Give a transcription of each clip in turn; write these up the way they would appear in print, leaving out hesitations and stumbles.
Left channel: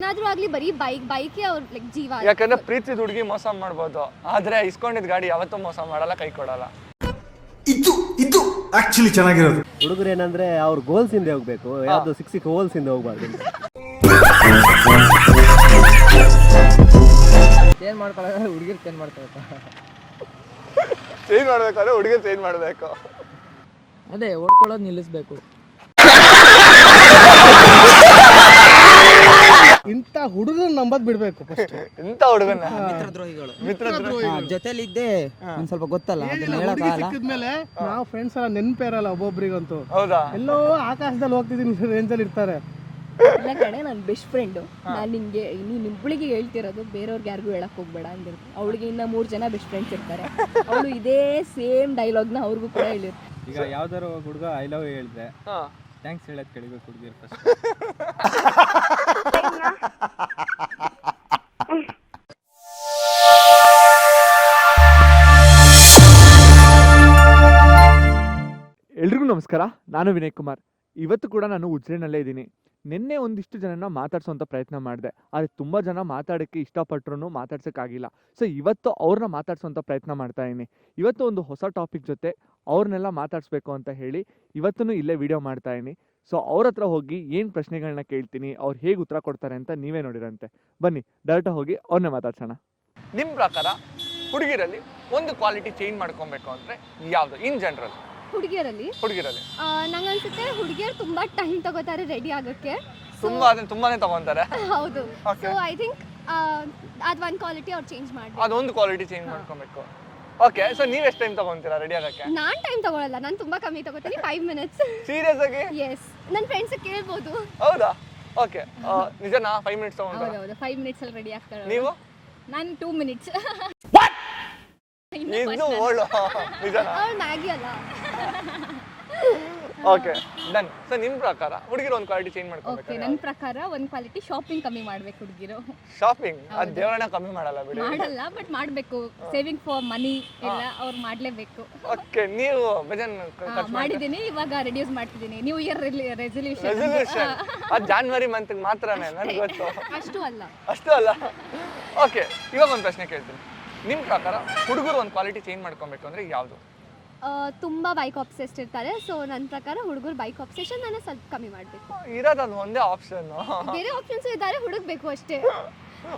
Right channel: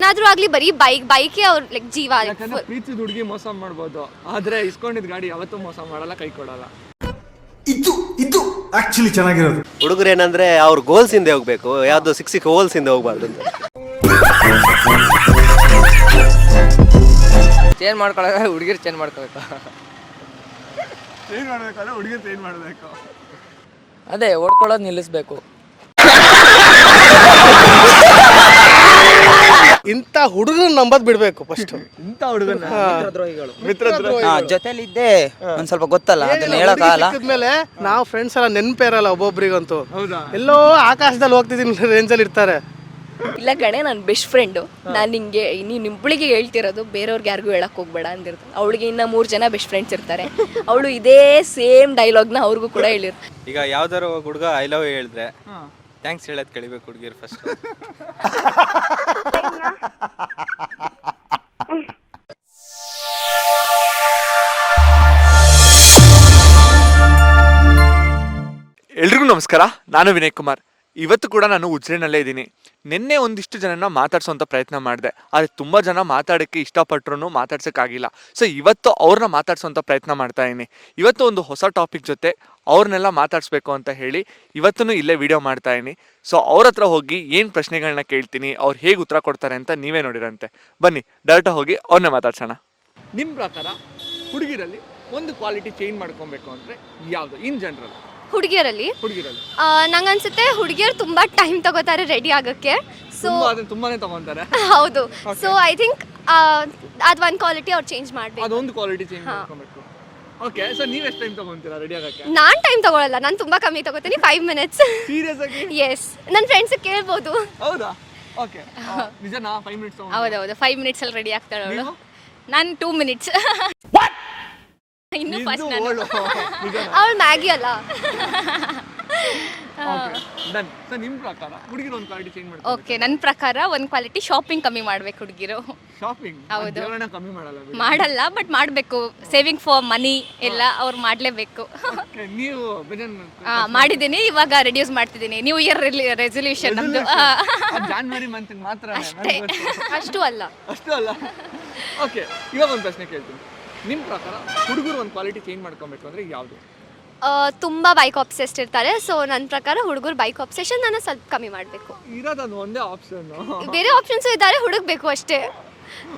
ಏನಾದ್ರೂ ಆಗ್ಲಿ ಬರೀ ಬೈಕೇ ಅವ್ರ ಲೈಕ್ ಜೀವ. ಯಾಕಂದ್ರೆ ಪ್ರೀತಿ ಹುಡುಗಿ ಮೋಸ ಮಾಡ್ಬೋದು, ಆದ್ರೆ ಇಸ್ಕೊಂಡಿದ್ ಗಾಡಿ ಯಾವತ್ತೂ ಮೋಸ ಮಾಡಲ್ಲ, ಕೈ ಕೊಡಲ್ಲ. ಇದು ಆಕ್ಚುಲಿ ಚೆನ್ನಾಗಿರೋದು. ಹುಡುಗರು ಏನಂದ್ರೆ ಅವ್ರ ಗೋಲ್ಸ್ ಇಂದ ಹೋಗ್ಬೇಕು, ಯಾವ್ದು ಸಿಕ್ಸ್ ಹೋಲ್ಸ್ ಇಂದ ಹೋಗ್ಬಾರ್ದು. ಚೇಂಜ್ ಮಾಡ್ಕೊಳ್ಳೋಕೆ ಹುಡುಗಿರು ಚೇಂಜ್ ಮಾಡ್ಕೋಬೇಕು. ಚೇಂಜ್ ಮಾಡ್ಬೇಕಾದ್ರೆ ಹುಡುಗಿ ಚೇಂಜ್ ಮಾಡ್ಬೇಕು. ಅದೇ ಓಡ್ಕೊಳ್ಳೋದು ನಿಲ್ಲಿಸ್ಬೇಕು. ಇಂಥ ಹುಡುಗನ ನಂಬದ್ ಬಿಡ್ಬೇಕು ಫಸ್ಟ್. ಇಂಥ ಹುಡುಗನ ಮಿತ್ರದ್ರೋಹಿಗಳು ಜೊತೆಲಿದ್ದೆ ಒಂದ್ ಸ್ವಲ್ಪ ಗೊತ್ತಲ್ಲ, ಅದನ್ನ ಹೇಳಕ್ಕಾಗಲ್ಲ. ಮೇಲೆ ನಾವು ಫ್ರೆಂಡ್ಸ್ ಎಲ್ಲ ನೆನಪೇರಲ್ಲ ಒಬ್ಬೊಬ್ರಿಗಂತೂ. ಹೌದಾ? ಎಲ್ಲೋ ಆಕಾಶದಲ್ಲಿ ಹೋಗ್ತಿದ್ದೀನಿ ರೇಂಜಲ್ಲಿ ಇರ್ತಾರೆ. ಇಲ್ಲ ಕಣೆ, ನನ್ನ ಬೆಸ್ಟ್ ಫ್ರೆಂಡು. ನಾನು ನಿಂಗೆ ನಿಂಬಳಿಗೆ ಹೇಳ್ತಿರೋದು, ಬೇರೆಯವ್ರಿಗೆ ಯಾರಿಗೂ ಹೇಳಕ್ ಹೋಗ್ಬೇಡ ಅಂದಿರ್ತಾನೆ. ಅವಳಿಗೆ ಇನ್ನ 3 ಜನ ಬೆಸ್ಟ್ ಫ್ರೆಂಡ್ಸ್ ಇರ್ತಾರೆ. ಅವಳು ಇದೇ ಸೇಮ್ ಡೈಲಾಗ್ನ ಅವ್ರಿಗೂ ಕೂಡ ಹೇಳಿರ್ತಾರೆ. ಈಗ ಯಾವ್ದಾರು ಹುಡುಗ ಐ ಲವ್ ಹೇಳಿದ್ರೆ ಥ್ಯಾಂಕ್ಸ್ ಹೇಳೋದು ಕಳಿಬೇಕು ಹುಡುಗಿರು ಫಸ್ಟ್. ಎಲ್ರಿಗೂ ನಮಸ್ಕಾರ, ನಾನು ವಿನಯ್ ಕುಮಾರ್. ಇವತ್ತು ಕೂಡ ನಾನು ಉಜ್ರೆನಲ್ಲೇ ಇದ್ದೀನಿ. ನಿನ್ನೆ ಒಂದಿಷ್ಟು ಜನನ ಮಾತಾಡ್ಸೋಂಥ ಪ್ರಯತ್ನ ಮಾಡಿದೆ, ಆದರೆ ತುಂಬ ಜನ ಮಾತಾಡೋಕ್ಕೆ ಇಷ್ಟಪಟ್ಟರು ಮಾತಾಡ್ಸೋಕ್ಕಾಗಿಲ್ಲ. ಸೊ ಇವತ್ತು ಅವ್ರನ್ನ ಮಾತಾಡ್ಸೋಂಥ ಪ್ರಯತ್ನ ಮಾಡ್ತಾ ಇದ್ದೀನಿ. ಇವತ್ತು ಒಂದು ಹೊಸ ಟಾಪಿಕ್ ಜೊತೆ ಅವ್ರನ್ನೆಲ್ಲ ಮಾತಾಡಿಸ್ಬೇಕು ಅಂತ ಹೇಳಿ ಇವತ್ತೂ ಇಲ್ಲೇ ವಿಡಿಯೋ ಮಾಡ್ತಾ ಇದ್ದೀನಿ. ಸೊ ಅವ್ರ ಹತ್ರ ಹೋಗಿ ಏನು ಪ್ರಶ್ನೆಗಳನ್ನ ಕೇಳ್ತೀನಿ, ಅವ್ರು ಹೇಗೆ ಉತ್ತರ ಕೊಡ್ತಾರೆ ಅಂತ ನೀವೇ ನೋಡಿರಂತೆ. ಬನ್ನಿ ಡೈರೆಕ್ಟ್ ಹೋಗಿ ಅವ್ರನ್ನೇ ಮಾತಾಡ್ಸೋಣ. ನಿಮ್ಮ ಪ್ರಕಾರ ಹುಡುಗಿರಲ್ಲಿ ಒಂದು ಕ್ವಾಲಿಟಿ ಚೇಂಜ್ ಮಾಡ್ಕೊಬೇಕು ಅಂದರೆ ಯಾವುದು ಇನ್ ಜನರಲ್? ಹುಡುಗಿಯರಲ್ಲಿ ನಂಗನ್ಸುತ್ತೆ ಹುಡುಗಿಯರು ತುಂಬಾ ಟೈಮ್ ತಗೋತಾರೆ ರೆಡಿ ಆಗಕ್ಕೆ. ಸೊ ತುಂಬಾನೇ ತಗೊಂತಾರೆ. ಹೌದು. ಸೊ ಐ ಥಿಂಕ್ ಅದು ಒಂದು ಕ್ವಾಲಿಟಿ ಅವ್ರು ಚೇಂಜ್ ಮಾಡಬೇಕು. ಅದೊಂದು ಕ್ವಾಲಿಟಿ ಚೇಂಜ್ ಮಾಡ್ಕೊಬೇಕು. ಓಕೆ, ಸೊ ನೀವು ಎಷ್ಟು ಟೈಮ್ ತಗೊಂತೀರಾ ರೆಡಿ ಆಗಕ್ಕೆ? ನಾನು ಟೈಮ್ ತಗೊಳ್ಳಲ್ಲ, ನಾನು ತುಂಬಾ ಕಮ್ಮಿ ತಗೋತೀನಿ, 5 minutes. ಸೀರಿಯಸ್ ಆಗಿ? ಎಸ್, ನನ್ನ ಫ್ರೆಂಡ್ಸ್ ಕೇಳ್ಬೋದು. ಹೌದಾ? ಓಕೆ, ನಿಜನಾ 5 minutes ತಗೊಂಡು? ಹೌದೌದು, 5 minutes ಅಲ್ಲಿ ರೆಡಿ ಆಗ್ತಾಳೆ ಅವಳು. ನೀವು? ನಾನು 2 minutes. ಇನ್ನು ಫಸ್ಟ್ ಅವಳು ಮ್ಯಾಗಿ ಅಲ್ಲ. Okay done. ಸೊ ನಿಮ್ಮ ಪ್ರಕಾರ ಹುಡುಗಿರು ಒಂದು ಕ್ವಾಲಿಟಿ ಚೇಂಜ್ ಮಾಡ್ತಾರೆ? ಓಕೆ, ನನ್ನ ಪ್ರಕಾರ ಒಂದು ಕ್ವಾಲಿಟಿ ಶಾಪಿಂಗ್ ಕಮ್ಮಿ ಮಾಡ್ಬೇಕು ಹುಡುಗಿರು. ಶಾಪಿಂಗ್? ಹೌದು. ಜೀವನ ಕಮ್ಮಿ ಮಾಡಲ್ಲ ಬಿಡಿ. ಮಾಡಲ್ಲ, ಬಟ್ ಮಾಡಬೇಕು. ಸೇವಿಂಗ್ ಫಾರ್ ಮನಿ ಎಲ್ಲ ಅವ್ರು ಮಾಡಲೇಬೇಕು. ಓಕೆ, ನೀವು ಮಾಡಿದ್ದೀನಿ, ಇವಾಗ ರೆಡ್ಯೂಸ್ ಮಾಡ್ತಿದ್ದೀನಿ. ನ್ಯೂ ಇಯರ್ ರೆಸೊಲ್ಯೂಷನ್ ನಮ್ದು. ಜಾನ್ವರಿ ಮಂತ್ ಮಾತ್ರ? ಅಷ್ಟು ಅಲ್ಲ. ಅಷ್ಟು ಅಲ್ಲ. ಓಕೆ, ಇವಾಗ ಒಂದು ಪ್ರಶ್ನೆ ಕೇಳ್ತೀನಿ. ನಿಮ್ಮ ಪ್ರಕಾರ ಹುಡುಗರು ಒಂದು ಕ್ವಾಲಿಟಿ ಚೇಂಜ್ ಮಾಡ್ಕೊಬೇಕು ಅಂದ್ರೆ ಯಾವುದು? ತುಂಬಾ ಬೈಕ್ ಆಬ್ಸೆಸ್ಡ್ ಇರ್ತಾರೆ. ಸೊ ನನ್ನ ಪ್ರಕಾರ ಹುಡುಗರು ಬೈಕ್ ಆಬ್ಸೆಷನ್ ನಾನು ಸ್ವಲ್ಪ ಕಮ್ಮಿ ಮಾಡಬೇಕು. ಇರೋದು ಅದು ಒಂದೇ ಆಪ್ಷನ್, ಬೇರೆ ಆಪ್ಷನ್ಸು ಇದ್ದಾರೆ, ಹುಡುಕ್ಬೇಕು ಅಷ್ಟೇ.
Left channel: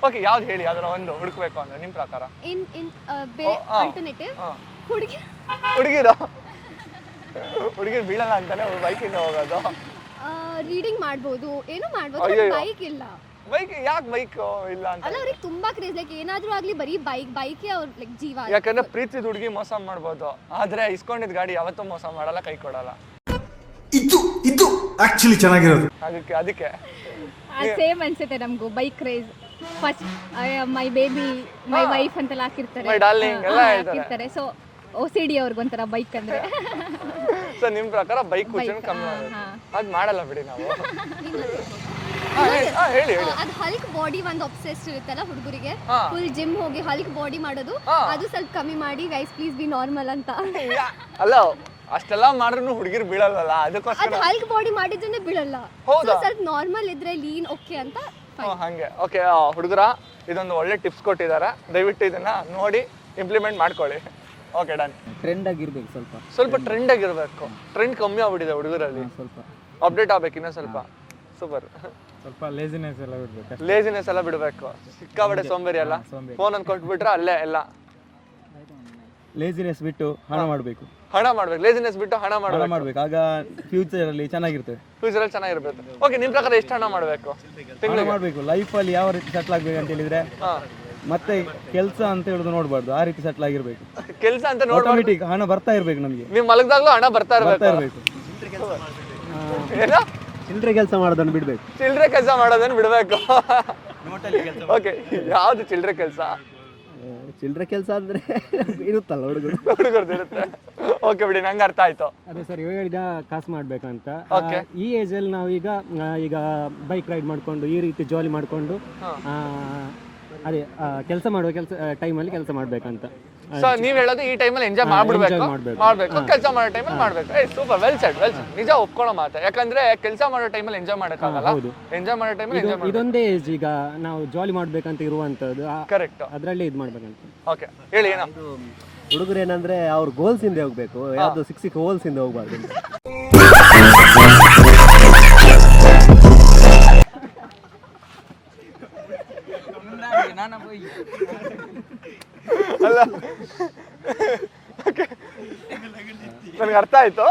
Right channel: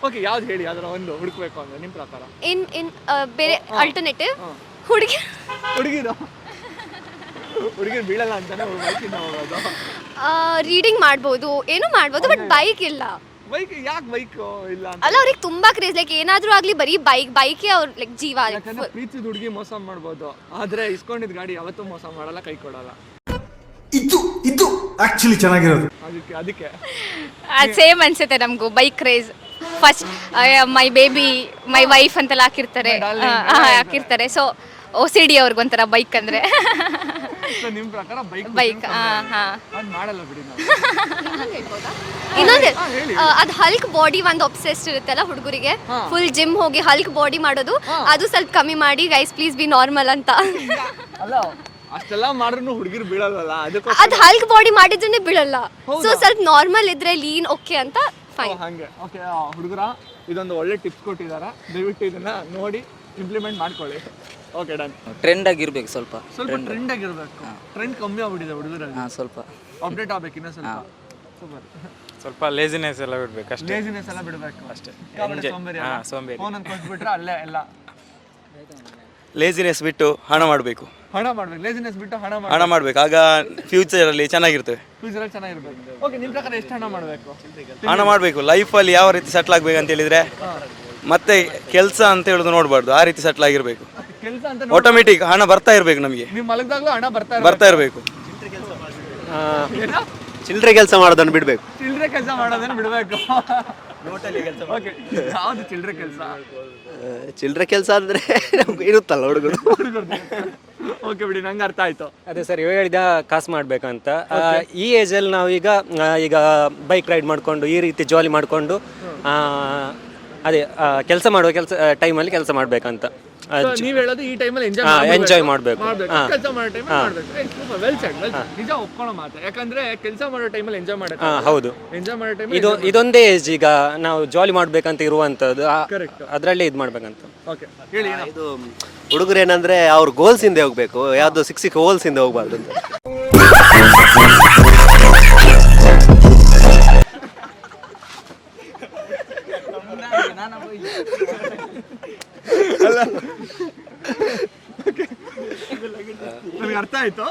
ಓಕೆ, ಯಾವ್ದು ಹೇಳಿ, ಅದನ್ನ ಒಂದು ಹುಡುಕ್ಬೇಕು ಅಂದ್ರೆ ನಿಮ್ಮ ಪ್ರಕಾರ? ಇನ್ ಬೇರೆ ಆಲ್ಟರ್ನೇಟಿವ್ ಹುಡುಗಿರು ಬೀಳಲ್ಲ ಅಂತಾನೆ ಬೈಕಿಂದ ಹೋಗೋದು. ರೀಡಿಂಗ್ ಮಾಡ್ಬೋದು, ಏನು ಮಾಡ್ಬೋದು, ಬಟ್ ಬೈಕ್ ಇಲ್ಲ. ಬೈಕ್ ಯಾಕೆ ಬೈಕ್ ಇಲ್ಲ ಅಂತ? ಅಲ್ಲ, ಅವ್ರಿಗೆ ತುಂಬಾ ಕ್ರೇಜ್. ಲೈಕ್ ಏನಾದ್ರೂ ಆಗ್ಲಿ ಬರೀ ಬೈಕೇ ಅವ್ರ ಲೈಕ್ ಜೀವ. ಯಾಕಂದ್ರೆ ಪ್ರೀತಿ ಹುಡುಗಿ ಮೋಸ ಮಾಡ್ಬೋದು, ಆದ್ರೆ ಇಸ್ಕೊಂಡಿದ್ ಗಾಡಿ ಯಾವತ್ತೂ ಮೋಸ ಮಾಡಲ್ಲ, ಕೈ ಕೊಡಲ್ಲ. ಇದು ಆಕ್ಚುಲಿ ಚೆನ್ನಾಗಿರೋದು. ಅದಕ್ಕೆ ಸೇಮ್ ಅನ್ಸುತ್ತೆ ನಮಗೂ. Bike craze first, my baby, my wife ಅಂತೆಲ್ಲ ಹಾಕಿರ್ತಾರೆ. ಹಾಕಿರ್ತಾರೆ. ಸೊ OCD ಅವ್ರಿಗೊಂಥರ ಬೈಕ್ ಅಂದ್ರೆ. ನಿಮ್ ಪ್ರಕಾರ ಬೈಕ್ ಅದು ಮಾಡಲ್ಲ ಬಿಡಿ ನಾವು. ಇನ್ನೊಂದು ಅದು ಹಲ್ಕ್ ಬಾಡಿ ಒಂದು ಒಬ್ಸೆಸ್ಡ್ ಇರುತ್ತಲ್ಲ ಹುಡುಗರಿಗೆ, ಫುಲ್ ಜಿಮ್ ಹೋಗಿ ಹಲ್ಕ್ ಬಾಡಿ ಮಾಡೋದು, ಅದು ಸ್ವಲ್ಪ ಕಮ್ಮಿ ಮಾಡಿ ಗೈಸ್ ಪ್ಲೀಸ್ ಬಿ ನಾರ್ಮಲ್ ಅಂತ. ಅಲ್ಲ, ಅಷ್ಟೆಲ್ಲ ಮಾಡಿದ್ರು ಹುಡುಗಿರು ಬೀಳಲ್ಲ. ಅದು ಹಲ್ಕ್ ಬಾಡಿ ಮಾಡಿದ್ರೆ ಬೀಳಲ್ಲ. ಸೊ ಸ್ವಲ್ಪ ನಾರ್ಮಲ್ ಇದ್ರೆ ಲೀನ್ ಓಕೆ ಅಂತ ಫೈನ್. ಹಂಗೆ. ಓಕೆ ಹುಡುಗರ, ಇದೊಂದು ಒಳ್ಳೆ ಟಿಪ್ಸ್ ಕೊಟ್ಟಿದ್ದಾರೆ, ದಯವಿಟ್ಟು ಇದನ್ನ ನೋಡಿ ಇಂಪ್ಲಿಮೆಂಟ್ ಮಾಡ್ಕೊಳ್ಳಿ. Okay done. ಟ್ರೆಂಡ್ ಆಗಿರ್ಬೇಕು, ಸ್ವಲ್ಪ ಟ್ರೆಂಡ್ ಆಗಿರ್ಬೇಕು. ಟ್ರೆಂಡ್ ಕಮ್ಮಿ ಆಗ್ಬಿಟ್ಟಿದೆ ಹುಡುಗರಲ್ಲಿ, ಸ್ವಲ್ಪ ಅಪ್ಡೇಟ್ ಆಗ್ಬೇಕು ಇನ್ನೂ ಸ್ವಲ್ಪ. ಸೂಪರ್. ಸ್ವಲ್ಪ ಲೇಜಿನೆಸ್ ಎಲ್ಲ ಬಿಡ್ಬೇಕು ಅಷ್ಟೇ. ಲೇಜಿನೆಸ್ ಎಲ್ಲ ಬಿಡಬೇಕು ಅಷ್ಟೇ. ಸಿಕ್ಕಾಬಟ್ಟೆ ಸೋಂಬೇರಿ ಅಲ್ಲ, ಫೋನ್ ಅನ್ನು ಕೊಟ್ಬಿಟ್ರೆ ಅಲ್ಲೇ ಎಲ್ಲ. ಲೇಜಿನೆಸ್ ಬಿಟ್ಟು ಹಣ ಮಾಡಬೇಕು. ಹಣ ಮಾಡ್ಬೇಕು. ಲೇಜಿನೆಸ್ ಬಿಟ್ಟು ಹಣ ಮಾಡಬೇಕು, ಆಗ ಫ್ಯೂಚರಲ್ಲಿ ಚೆನ್ನಾಗಿರ್ತವೆ. ಫ್ಯೂಚರಲ್ಲಿ ಚೆನ್ನಾಗಿರ್ಬೇಕು. ಓಕೆ, ನಿಮ್ಮ ಪ್ರಕಾರ ಎಷ್ಟು ಹಣ ಮಾಡಬೇಕು? ಹಣ ಮಾಡಬೇಕು. ಲೈಫಲ್ಲಿ ಯಾವ ರೀತಿ ಸೆಟ್ಲ್ ಆಗ್ಬೇಕು ಅಂತ ಹೇಳಿದ್ರೆ, ಮತ್ತೆ ಕೆಲಸ ಅಂತ ಹೇಳೋದು ನೋಡಬಾರ್ದು, ಆ ರೀತಿ ಸೆಟ್ಲ್ ಆಗಿರ್ಬೇಕು. ಕೆಲಸ ಅಂತ ಆಟೋಮೆಟಿಕ್ ಹಣ ಬರ್ತಾ ಇರ್ಬೇಕು ನಮಗೆ. ನೀವು ಮಲಗಿದಾಗಲೂ ಹಣ ಬರ್ತಾ ಇರಬೇಕು. ಚಿಲ್ಲರೆ ಕೆಲಸ ಮಾಡೋದನ್ನು ಬಿಡಬೇಕು. ಚಿಲ್ಲರೆ ಕೆಲಸ ಮಾಡೋದನ್ನು ಬಿಡಬೇಕು. ಓಕೆ, ಯಾವುದು ಚಿಲ್ಲರೆ ಕೆಲಸ? ಚಿಲ್ಲರೆ ಕೆಲಸ ಅಂದರೆ ಇರುತ್ತಲ್ಲ ಹುಡುಗರು. ಓಕೆ ಬಿಡಿ, ನಂಗೆ ಅರ್ಥ ಆಯ್ತು. ಅದೇ ಸರ್, ಇವಾಗ ಹೇಳಿದ ಕಾಸು ಮಾಡಬೇಕಂತ. ಈ ಏಜಲ್ಲಿ ನಾವು ಈಗ ಬೈಕ್ ರೈಡ್ ಮಾಡಿಕೊಂಡು ಈ ರೀತಿ ಜಾಲಿ ಮಾಡಿಕೊಂಡು ಅದೇ ಕೆಲಸ ಮಾಡುವ ಟೈಮಲ್ಲಿ ಕೆಲಸ ಮಾಡ್ಬೇಕಂತ ನೀವ್ ಹೇಳೋದು ಈ ಟೈಮಲ್ಲಿ enjoy ಮಾಡ್ಬೇಕು. ಕೆಲಸ ಮಾಡೋ ಟೈಮಲ್ಲಿ ಮಾಡ್ಬೇಕು. Super, well shed. ನಿಜ ಒಪ್ಕೊಳ್ಳೋ ಮಾತು. ಯಾಕಂದ್ರೆ ಕೆಲಸ ಮಾಡೋ ಟೈಮಲ್ಲಿ ಎಂಜಾಯ್ ಮಾಡಕ್ಕೆ ಹೌದು. ಎಂಜಾಯ್ ಮಾಡೋ ಟೈಮಲ್ಲಿ ಇದೊಂದೇ ಏಜ್ ಈಗ ನಾವು ಜಾಲಿ ಮಾಡ್ಬೇಕಂತ ಇರುವಂತದ್ದು, ಕರೆಕ್ಟ್. ಅದರಲ್ಲೇ ಇದು ಮಾಡ್ಬೇಕಂತ. ಓಕೆ, ಹೇಳಿ ಏನೋ. ಇದು ಹುಡುಗರು ಏನಂದ್ರೆ ಅವ್ರ ಗೋಲ್ಸ್ ಹಿಂದೆ ಹೋಗ್ಬೇಕು, ಯಾವ್ದು ಸಿಕ್ಸ್ ಹೋಲ್ಸ್ ಹಿಂದೆ ಹೋಗ್ಬಾರ್ದು ಅಂತ. ನಮ್ಗೆ ಅರ್ಥ ಆಯ್ತು.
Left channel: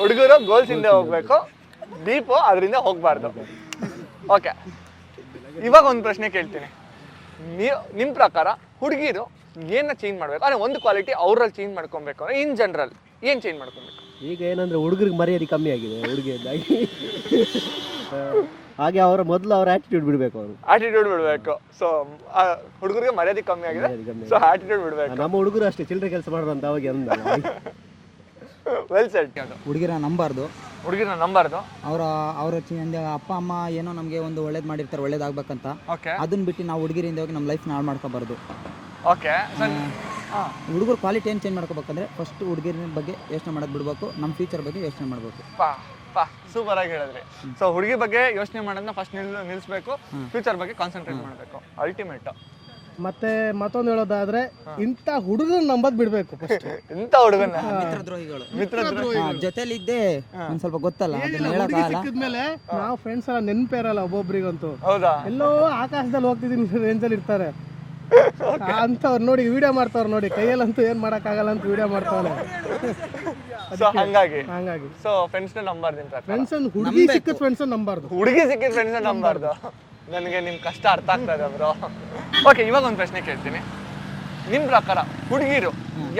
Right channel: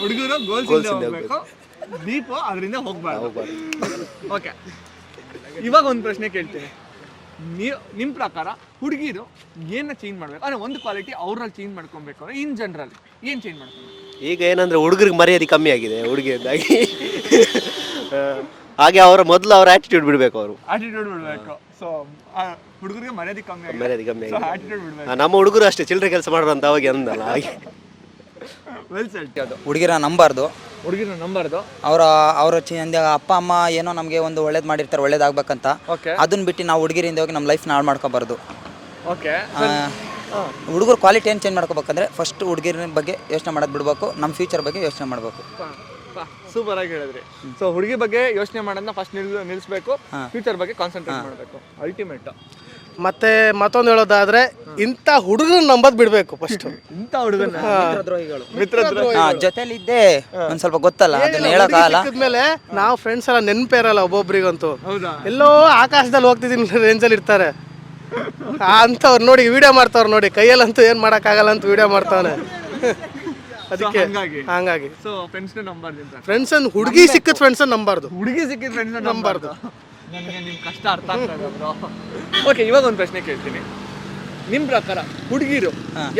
ಹುಡುಗರು ಗೋಲ್ಸ್ ಇಂದ ಹೋಗ್ಬೇಕು, ದೀಪು ಅದರಿಂದ ಹೋಗ್ಬಾರ್ದು. ಓಕೆ, ಇವಾಗ ಒಂದು ಪ್ರಶ್ನೆ ಕೇಳ್ತೀನಿ. ನಿಮ್ಮ ಪ್ರಕಾರ ಹುಡುಗಿರು ಏನ ಚೇಂಜ್ ಮಾಡ್ಬೇಕು? ಅಂದ್ರೆ ಒಂದು ಕ್ವಾಲಿಟಿ ಅವ್ರಲ್ಲಿ ಚೇಂಜ್ ಮಾಡ್ಕೊಬೇಕು ಅಂದ್ರೆ ಇನ್ ಜನರಲ್ ಏನ್ ಚೇಂಜ್ ಮಾಡ್ಕೊಬೇಕು? ಈಗ ಏನಂದ್ರೆ ಹುಡುಗರಿಗೆ ಮರ್ಯಾದೆ ಕಮ್ಮಿ ಆಗಿದೆ ಹುಡುಗಿಯಿಂದಾಗಿ. ಹಾಗೆ ಮೊದಲು ಅವ್ರ ಆಟಿಟ್ಯೂಡ್ ಬಿಡಬೇಕು. ಅವರು ಆಟಿಟ್ಯೂಡ್ ಬಿಡಬೇಕು. ಸೊ ಹುಡುಗರಿಗೆ ಮರ್ಯಾದೆ ಕಮ್ಮಿ ಆಗಿದೆ, ಮರ್ಯಾದೆ ಕಮ್ಮಿ ಸೊ ಆಗಿದೆ. ಆಟಿಟ್ಯೂಡ್ ಬಿಡಬೇಕು. ನಮ್ಮ ಹುಡುಗರು ಅಷ್ಟೇ ಚಿಲ್ಲರೆ ಕೆಲಸ ಮಾಡೋದಂತ ಅವಾಗ ಅಂದಲ್ಲ ಹಾಗೆ. Well set. ಅದು ಹುಡುಗಿರ ನಂಬಾರ್ದು, ಹುಡುಗಿನ ನಂಬಾರ್ದು. ಅವ್ರ ಅಪ್ಪ ಅಮ್ಮ ಏನೋ ನಮಗೆ ಒಂದು ಒಳ್ಳೇದು ಮಾಡಿರ್ತಾರೆ, ಒಳ್ಳೇದಾಗ್ಬೇಕಂತ. ಓಕೆ, ಅದನ್ನ ಬಿಟ್ಟು ನಾವು ಹುಡುಗಿರಿಂದ ಹೋಗಿ ನಮ್ಮ ಲೈಫ್ ಹಾಳು ಮಾಡ್ಕೋಬಾರ್ದು. ಓಕೆ. ಹುಡುಗರು ಕ್ವಾಲಿಟಿ ಏನು ಚೇಂಜ್ ಮಾಡ್ಕೋಬೇಕಂದ್ರೆ ಫಸ್ಟ್ ಹುಡುಗಿರ ಬಗ್ಗೆ ಯೋಚನೆ ಮಾಡೋದು ಬಿಡಬೇಕು, ನಮ್ಮ ಫ್ಯೂಚರ್ ಬಗ್ಗೆ ಯೋಚನೆ ಮಾಡಬೇಕು. ಸೂಪರ್ ಆಗಿ ಹೇಳಿದ್ರಿ. ಸೊ ಹುಡುಗಿ ಬಗ್ಗೆ ಯೋಚನೆ ಮಾಡೋದನ್ನ ಫಸ್ಟ್ ನಿಲ್ಲಿಸಬೇಕು, ಫ್ಯೂಚರ್ ಬಗ್ಗೆ ಕಾನ್ಸಂಟ್ರೇಟ್ ಮಾಡಬೇಕು. ಅಲ್ಟಿಮೇಟ್. ಮತ್ತೆ ಮತ್ತೊಂದು ಹೇಳೋದಾದ್ರೆ ಇಂಥ ಹುಡುಗರು ನಂಬದ್ ಬಿಡ್ಬೇಕು ಫಸ್ಟ್. ಎಂತ ಹುಡುಗನ ಮಿತ್ರದ್ರೋಹಿ ಜೊತೆಲಿದ್ದೆ ಒಂದ್ ಸ್ವಲ್ಪ ಗೊತ್ತಲ್ಲ, ಅದನ್ನ ಹೇಳಕ್ಕಾಗಲ್ಲ. ಮೇಲೆ ನಾವು ಫ್ರೆಂಡ್ಸ್ ಎಲ್ಲ ನೆನಪೇ ಇರಲ್ಲ ಒಬ್ಬೊಬ್ರಿಗಂತೂ. ಹೌದಾ? ಎಲ್ಲೋ ಆಕಾಶದಲ್ಲಿ ಹೋಗ್ತಿದ್ದೀನಿ ರೇಂಜಲ್ಲಿ ಇರ್ತಾರೆ ಅಂಥವ್ರು ನೋಡಿ, ವಿಡಿಯೋ ಮಾಡ್ತಾವ್ರು ನೋಡಿ, ಕೈಯಲ್ಲಂತೂ ಏನ್ ಮಾಡಕ್ಕಾಗಲ್ಲ ಅಂತ ವಿಡಿಯೋ ಮಾಡ್ತಾನೆ. ಅದಕ್ಕೆ ಹಂಗಾಗಿ ಸೊ ಫ್ರೆಂಡ್ಸ್ ನಂಬಾರ್ದು. ಫ್ರೆಂಡ್ಸ್ ಹುಡುಗಿ ಸಿಕ್ಕಿದ ಫ್ರೆಂಡ್ಸ್ ನಂಬಾರ್ದು, ಹುಡುಗಿ ಸಿಕ್ಕಿದ ಫ್ರೆಂಡ್ಸ್ ನಂಬಾರ್ದು. ನನಗೆ ನಿಮ್ ಕಷ್ಟ ಅರ್ಥ ಆಗ್ತಾ ಇದೆ ಬ್ರೋ. ಓಕೆ, ಇವಾಗ ಒಂದು ಪ್ರಶ್ನೆ ಕೇಳ್ತೀನಿ. ನಿಮ್ ಪ್ರಕಾರ ಹುಡುಗಿರು